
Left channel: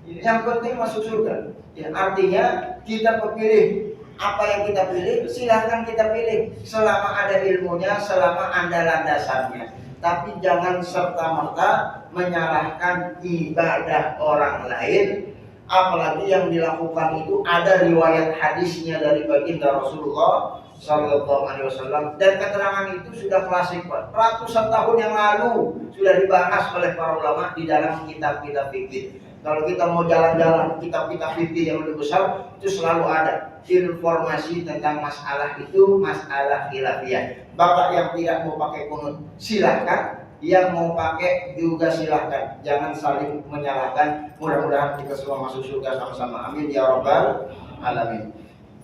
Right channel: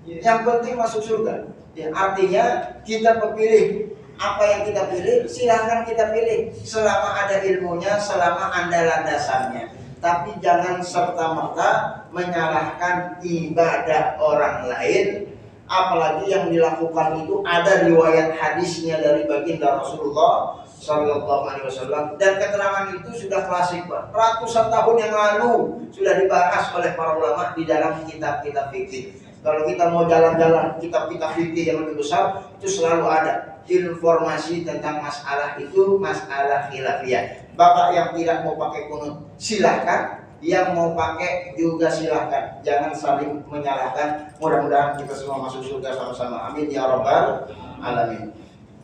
Yang penting masuk surga. Ya, artinya kita pilih apa yang kita pilih, silahkan kita pilih selama ada ilmunya, selama ada landasannya. Tapi jangan serta-merta menyalahkan ibadah orang lain, apalagi yang dilakukan itu ada riwayat hadisnya dari baginda Rasulullah Sallallahu Alaihi Wasallam, dan keterangan itu sudah klasik, Pak. Ratusan tahun yang lalu sudah dibahas oleh para ulama di dalam kitab-kitab fikih. Kalau kita mau jalan-jalan kitab-kitab fikih yang lebih besar, itu selalu ada informasi tentang masalah itu, masalah khilafiyah. Bapak yang tidak mau pakai kunut silahkan, yang mau pakai juga silahkan. Jangan saling menyalahkan. Mudah-mudahan kita semua masuk surga sama-sama. Amin ya rabbal alamin.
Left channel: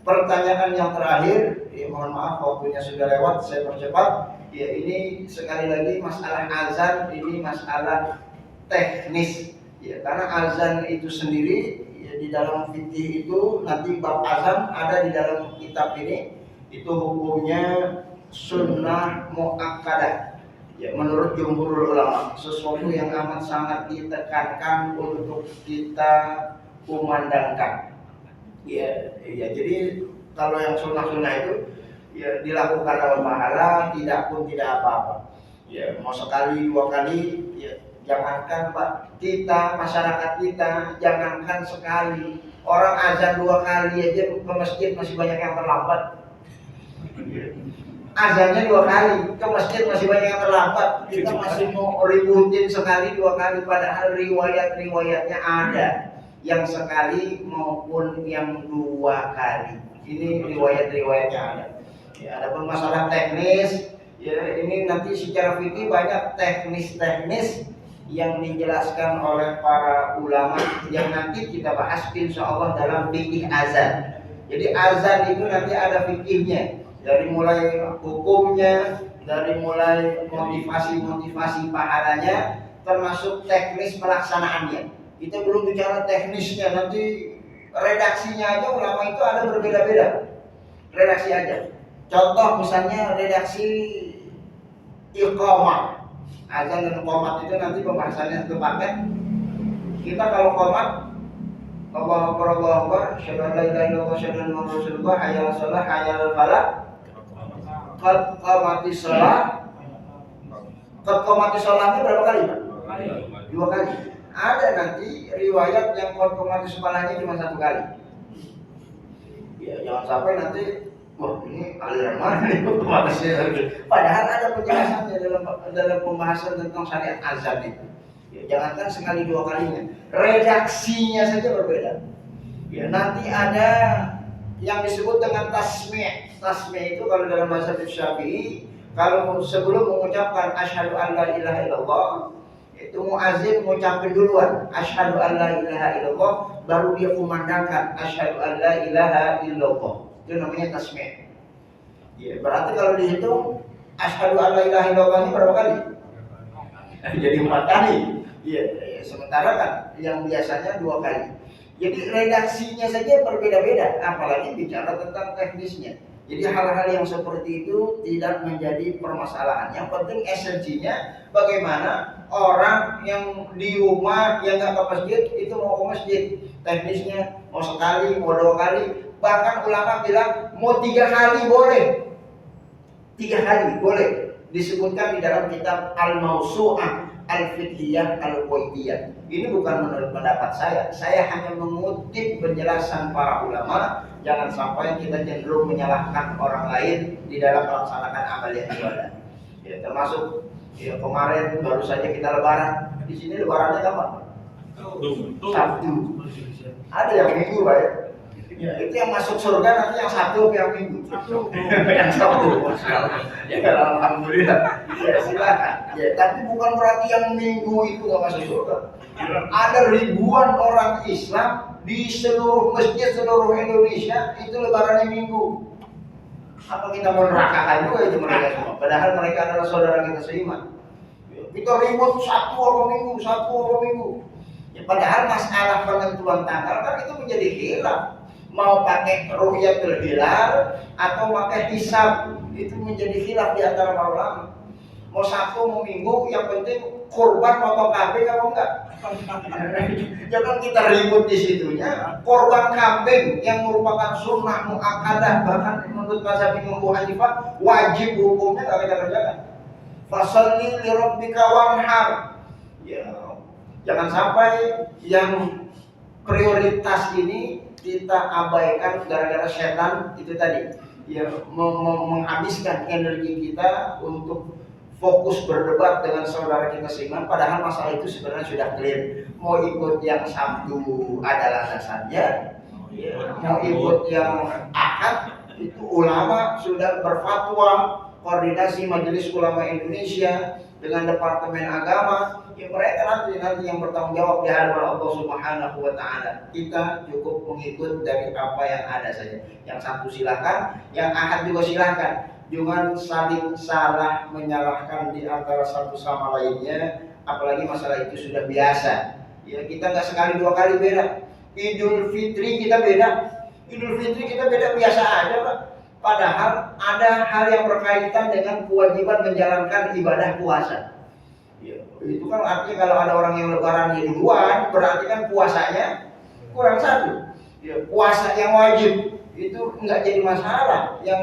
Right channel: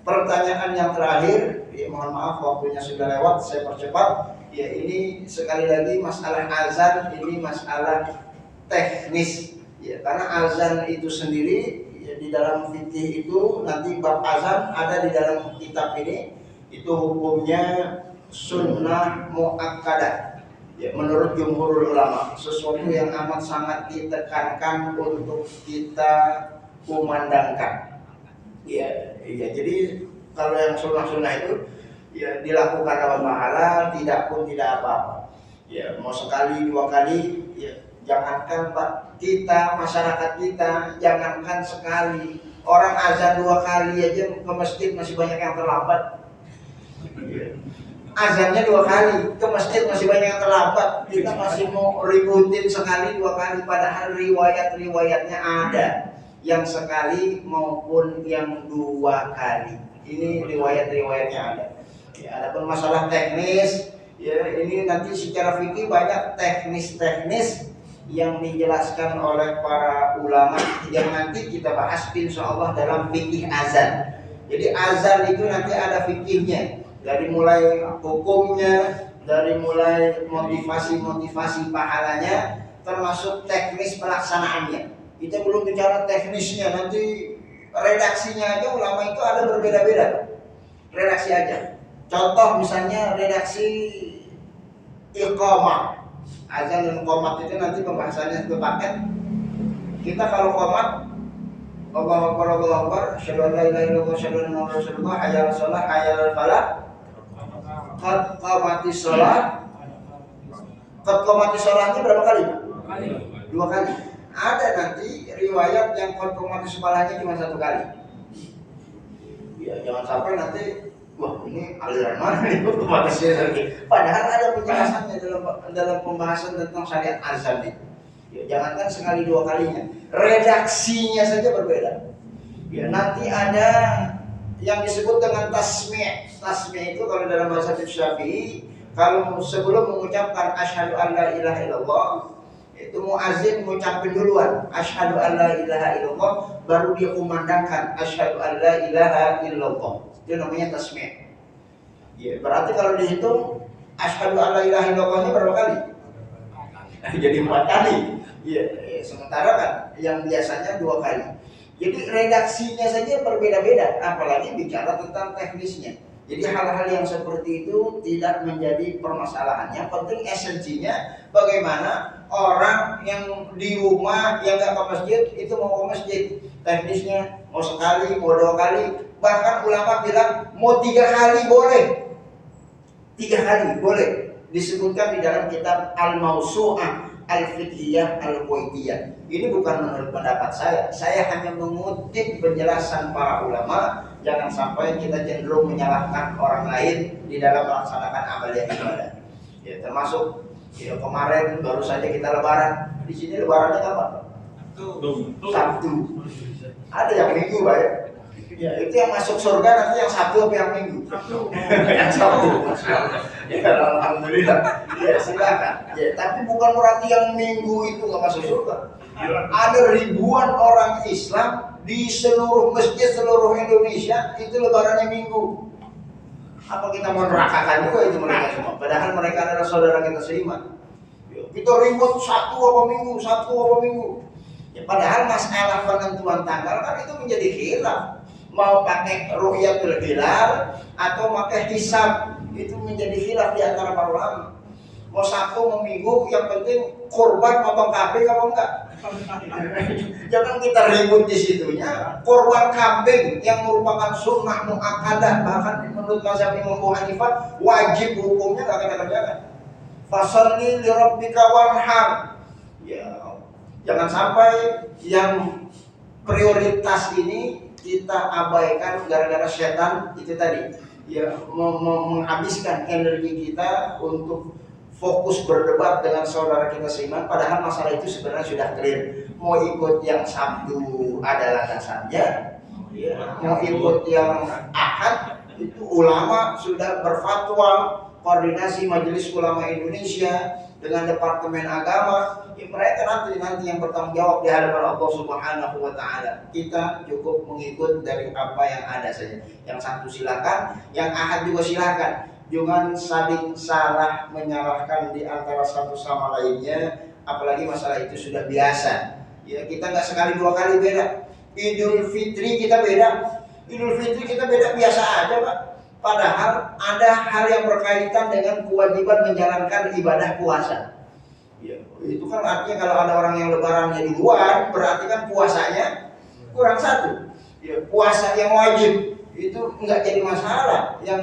Pertanyaan yang terakhir, mohon maaf waktunya sudah lewat, saya percepat. Ya, ini sekali lagi masalah azan, ini masalah teknis. Ya, karena azan itu sendiri ya, di dalam fikih itu nanti bab azan ada di dalam kitab ini. Itu hukumnya sunnah muakkadah. Ya, menurut jumhur ulama, sesuatu yang amat sangat ditekankan untuk kita kumandangkan. Ya, jadi kalau yang sunnah-sunnah itu ya dilakukan apa pahala, tidak pun tidak apa-apa. Ya, mau sekali dua kali, ya jangankan Pak, kita masyarakat kita jangankan sekali, orang azan 2 kali aja ke masjid masih banyak yang terlambat. Azannya 2 kali, ke masjid masih banyak yang terlambat. Kita masih mau ributin sekali 2 kali, padahal riwayat-riwayatnya ada yang sekali maupun yang 2 kali. Ini riwayat-riwayatnya ada. Ya, adapun masalah teknis, ya ini nanti secara fikih banyak teknis-teknis yang dijelaskan oleh para ulama yang nanti kita bahas insyaallah dalam fikih azan. Jadi azan itu nanti ada fikihnya, dari mulai hukumnya, dari mulai motivasi pahalanya, termasuk teknis pelaksanaannya. Kita belum bicara teknisnya, nanti redaksinya aja ulama itu ada berbeda-beda. Redaksi aja. Contoh misalnya redaksi iqamah. Azan dan qomat itu nanti pembahasannya satu paket. Kita kalau qomat, Allahu Akbar, Allahu Akbar, asyhadu an la ilaha illallah, asyhadu anna Muhammadar Rasulullah, hayya 'alas shalah, hayya 'alal falah, qad qamatis shalah. Qad qamatis shalah itu berapa kali, Pak? 2 kali. Ada nanti riwayat yang konfirmasi sekolahnya cuma 1 kali. Ya, jangan sampai nanti wah ini aliran mana nih konfirmasinya. Padahal ada penjelasannya dalam pembahasan tentang syariat azan itu. Ya, jangankan sekali 2 kalinya, redaksinya saja berbeda. Ya, nanti ada yang disebut dengan tasmi'. Tasmi' itu kalau dalam bahasa Syafi'i, kalau sebelum mengucapkan asyhadu an la ilaha illallah, itu muazzin mengucapkan duluan asyhadu an la ilaha illallah, baru dia kumandangkan asyhadu an la ilaha illallah. Itu namanya tasmi'. Ya, berarti kalau dihitung asyhadu an la ilaha illallahnya berapa kali? Jadi 4 kali. Ya, sementara kan yang biasanya 2 kali. Jadi redaksinya saja berbeda-beda, apalagi bicara tentang teknisnya. Jadi hal-hal yang seperti itu tidak menjadi permasalahan. Yang penting esensinya bagaimana orang yang di rumah yang nggak ke masjid itu mau ke masjid. Teknisnya mau sekali, mau 2 kali. Bahkan ulama bilang mau 3 kali boleh. 3 kali boleh. Disebutkan di dalam kitab Al-Mawsu'ah Al-Fiqhiyah Al-Kuwaitiyah. Ini bukan menurut pendapat saya hanya mengutip penjelasan para ulama. Jangan sampai kita cenderung menyalahkan orang lain di dalam melaksanakan amalan ibadah. Ya, termasuk ya, kemarin baru saja kita lebaran. Di sini lebarannya kapan? Sabtu. Ada yang minggu, Pak ya? Ya, itu yang masuk surga nanti yang Sabtu atau yang Minggu? Yang Sabtu. Ya, alhamdulillah. Ya, silakan. Ya, tapi bukan berarti yang Minggu itu nggak masuk surga. Ada ribuan orang Islam di seluruh masjid seluruh Indonesia itu lebarannya Minggu. Apa kita mau nerakakan juga itu mereka semua? Padahal mereka adalah saudara kita seiman. Kita ribut Sabtu apa Minggu. Ya, padahal masalah penentuan tanggal kan itu menjadi khilaf. Mau pakai ru'yatul hilal atau pakai hisab, itu menjadi khilaf di antara para ulama. Mau Sabtu mau Minggu, yang penting kurban potong kambing apa enggak? Jangan kita ribut di situnya. Korban kambing yang merupakan sunnah muakkadah, bahkan menurut mazhab Imam Abu Hanifah wajib hukumnya nggak kita kerjakan. Fasholli li rabbika wanhar. Ya, jangan sampai yang prioritas ini kita abaikan gara-gara setan itu tadi. Ya, menghabiskan energi kita untuk fokus berdebat dengan saudara kita seiman, padahal masalah itu sebenarnya sudah clear. Mau ikut yang Sabtu ada landasannya, ya. Mau ikut yang Ahad itu ulama sudah berfatwa, koordinasi Majelis Ulama Indonesia dengan Departemen Agama, ya mereka nanti yang bertanggung jawab di hadapan Allah Subhanahu wa taala. Kita cukup mengikut dari apa yang ada saja. Yang Sabtu silakan, yang Ahad juga silakan. Jangan saling salah menyalahkan di antara satu sama lainnya, apalagi masalah itu sudah biasa. Ya, kita nggak sekali dua kali beda. Idul Fitri kita beda. Idul Fitri kita beda biasa aja, Pak. Padahal ada hal yang berkaitan dengan kewajiban menjalankan ibadah puasa. Ya, itu kan artinya kalau ada orang yang lebarannya duluan, berarti kan puasanya kurang satu. Ya, puasa yang wajib itu nggak jadi masalah. Yang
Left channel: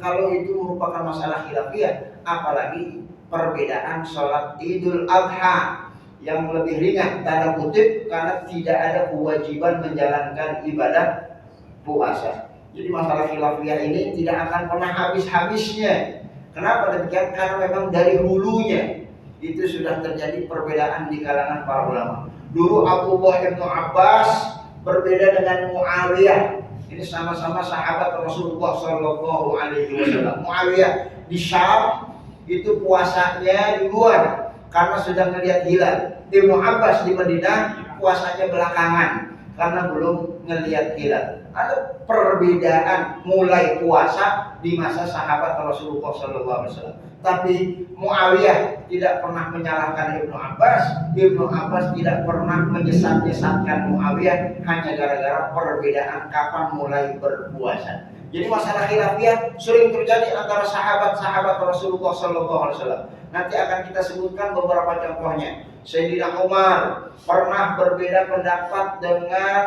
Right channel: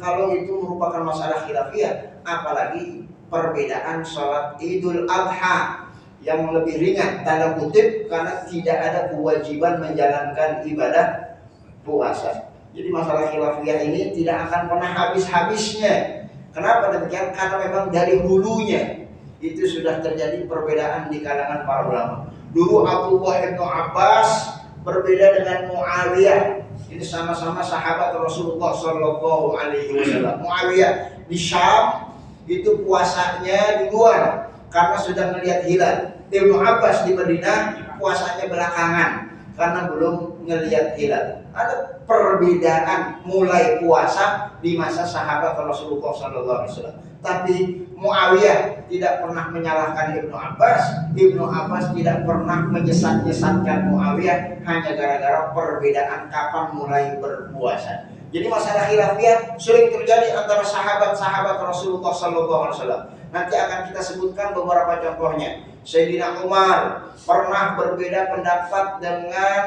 kalau itu merupakan masalah khilafiyah, apalagi perbedaan sholat Idul Adha yang lebih ringan tanda kutip karena tidak ada kewajiban menjalankan ibadah puasa. Jadi masalah khilafiyah ini tidak akan pernah habis-habisnya. Kenapa demikian? Karena memang dari hulunya itu sudah terjadi perbedaan di kalangan para ulama. Dulu Abdullah bin Abbas berbeda dengan Muawiyah. Ini sama-sama sahabat Rasulullah Shallallahu Alaihi Wasallam. Muawiyah di Syam itu puasanya duluan karena sudah melihat hilal. Ibnu Abbas di Madinah puasanya belakangan karena belum melihat hilal. Ada perbedaan mulai puasa di masa sahabat Rasulullah Shallallahu Alaihi Wasallam. Tapi Muawiyah tidak pernah menyalahkan Ibnu Abbas. Ibnu Abbas tidak pernah menyesatkan Muawiyah hanya gara-gara perbedaan kapan mulai berpuasa. Jadi masalah khilafiyah sering terjadi antara sahabat-sahabat Rasulullah Shallallahu Alaihi Wasallam. Nanti akan kita sebutkan beberapa contohnya. Sayyidina Umar pernah berbeda pendapat dengan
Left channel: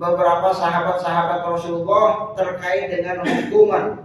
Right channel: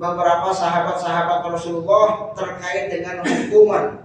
beberapa sahabat-sahabat Rasulullah terkait dengan hukuman.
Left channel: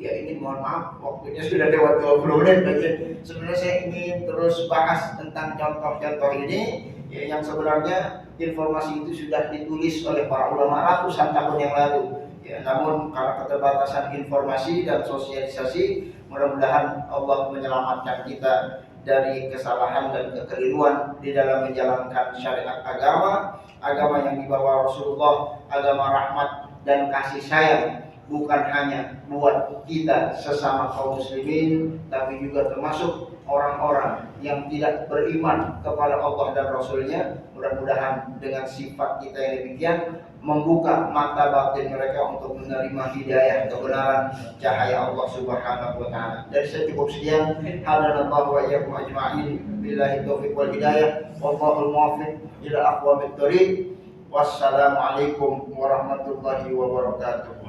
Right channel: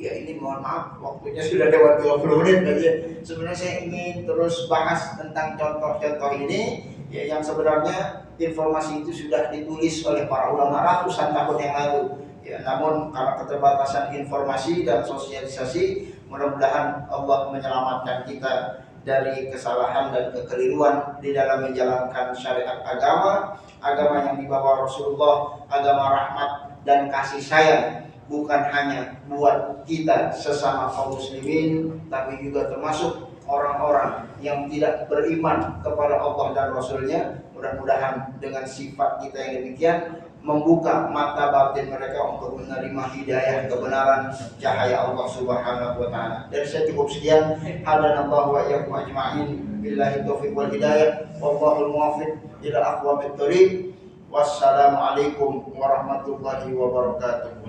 Ya ini mohon maaf waktunya sudah lewat 20 menit aja. Sebenarnya saya ingin terus bahas tentang contoh-contoh ini ya, yang sebenarnya informasi itu sudah ditulis oleh para ulama ratusan tahun yang lalu. Ya, namun karena keterbatasan informasi dan sosialisasi, mudah-mudahan Allah menyelamatkan kita dari kesalahan dan kekeliruan di dalam menjalankan syariat agama yang dibawa Rasulullah, agama rahmat dan kasih sayang. Bukan hanya buat kita sesama kaum muslimin, tapi juga termasuk orang-orang yang tidak beriman kepada Allah dan Rasulnya. Mudah-mudahan dengan sifat kita yang demikian membuka mata batin mereka untuk menerima hidayah kebenaran cahaya Allah Subhanahu wa taala. Dan saya cukup sekian. Hadanallahu wa iyyakum ajma'in. Billahi taufiq wal hidayah. Wallahul muwaffiq ila aqwamit thoriq. Wassalamualaikum warahmatullahi wabarakatuh.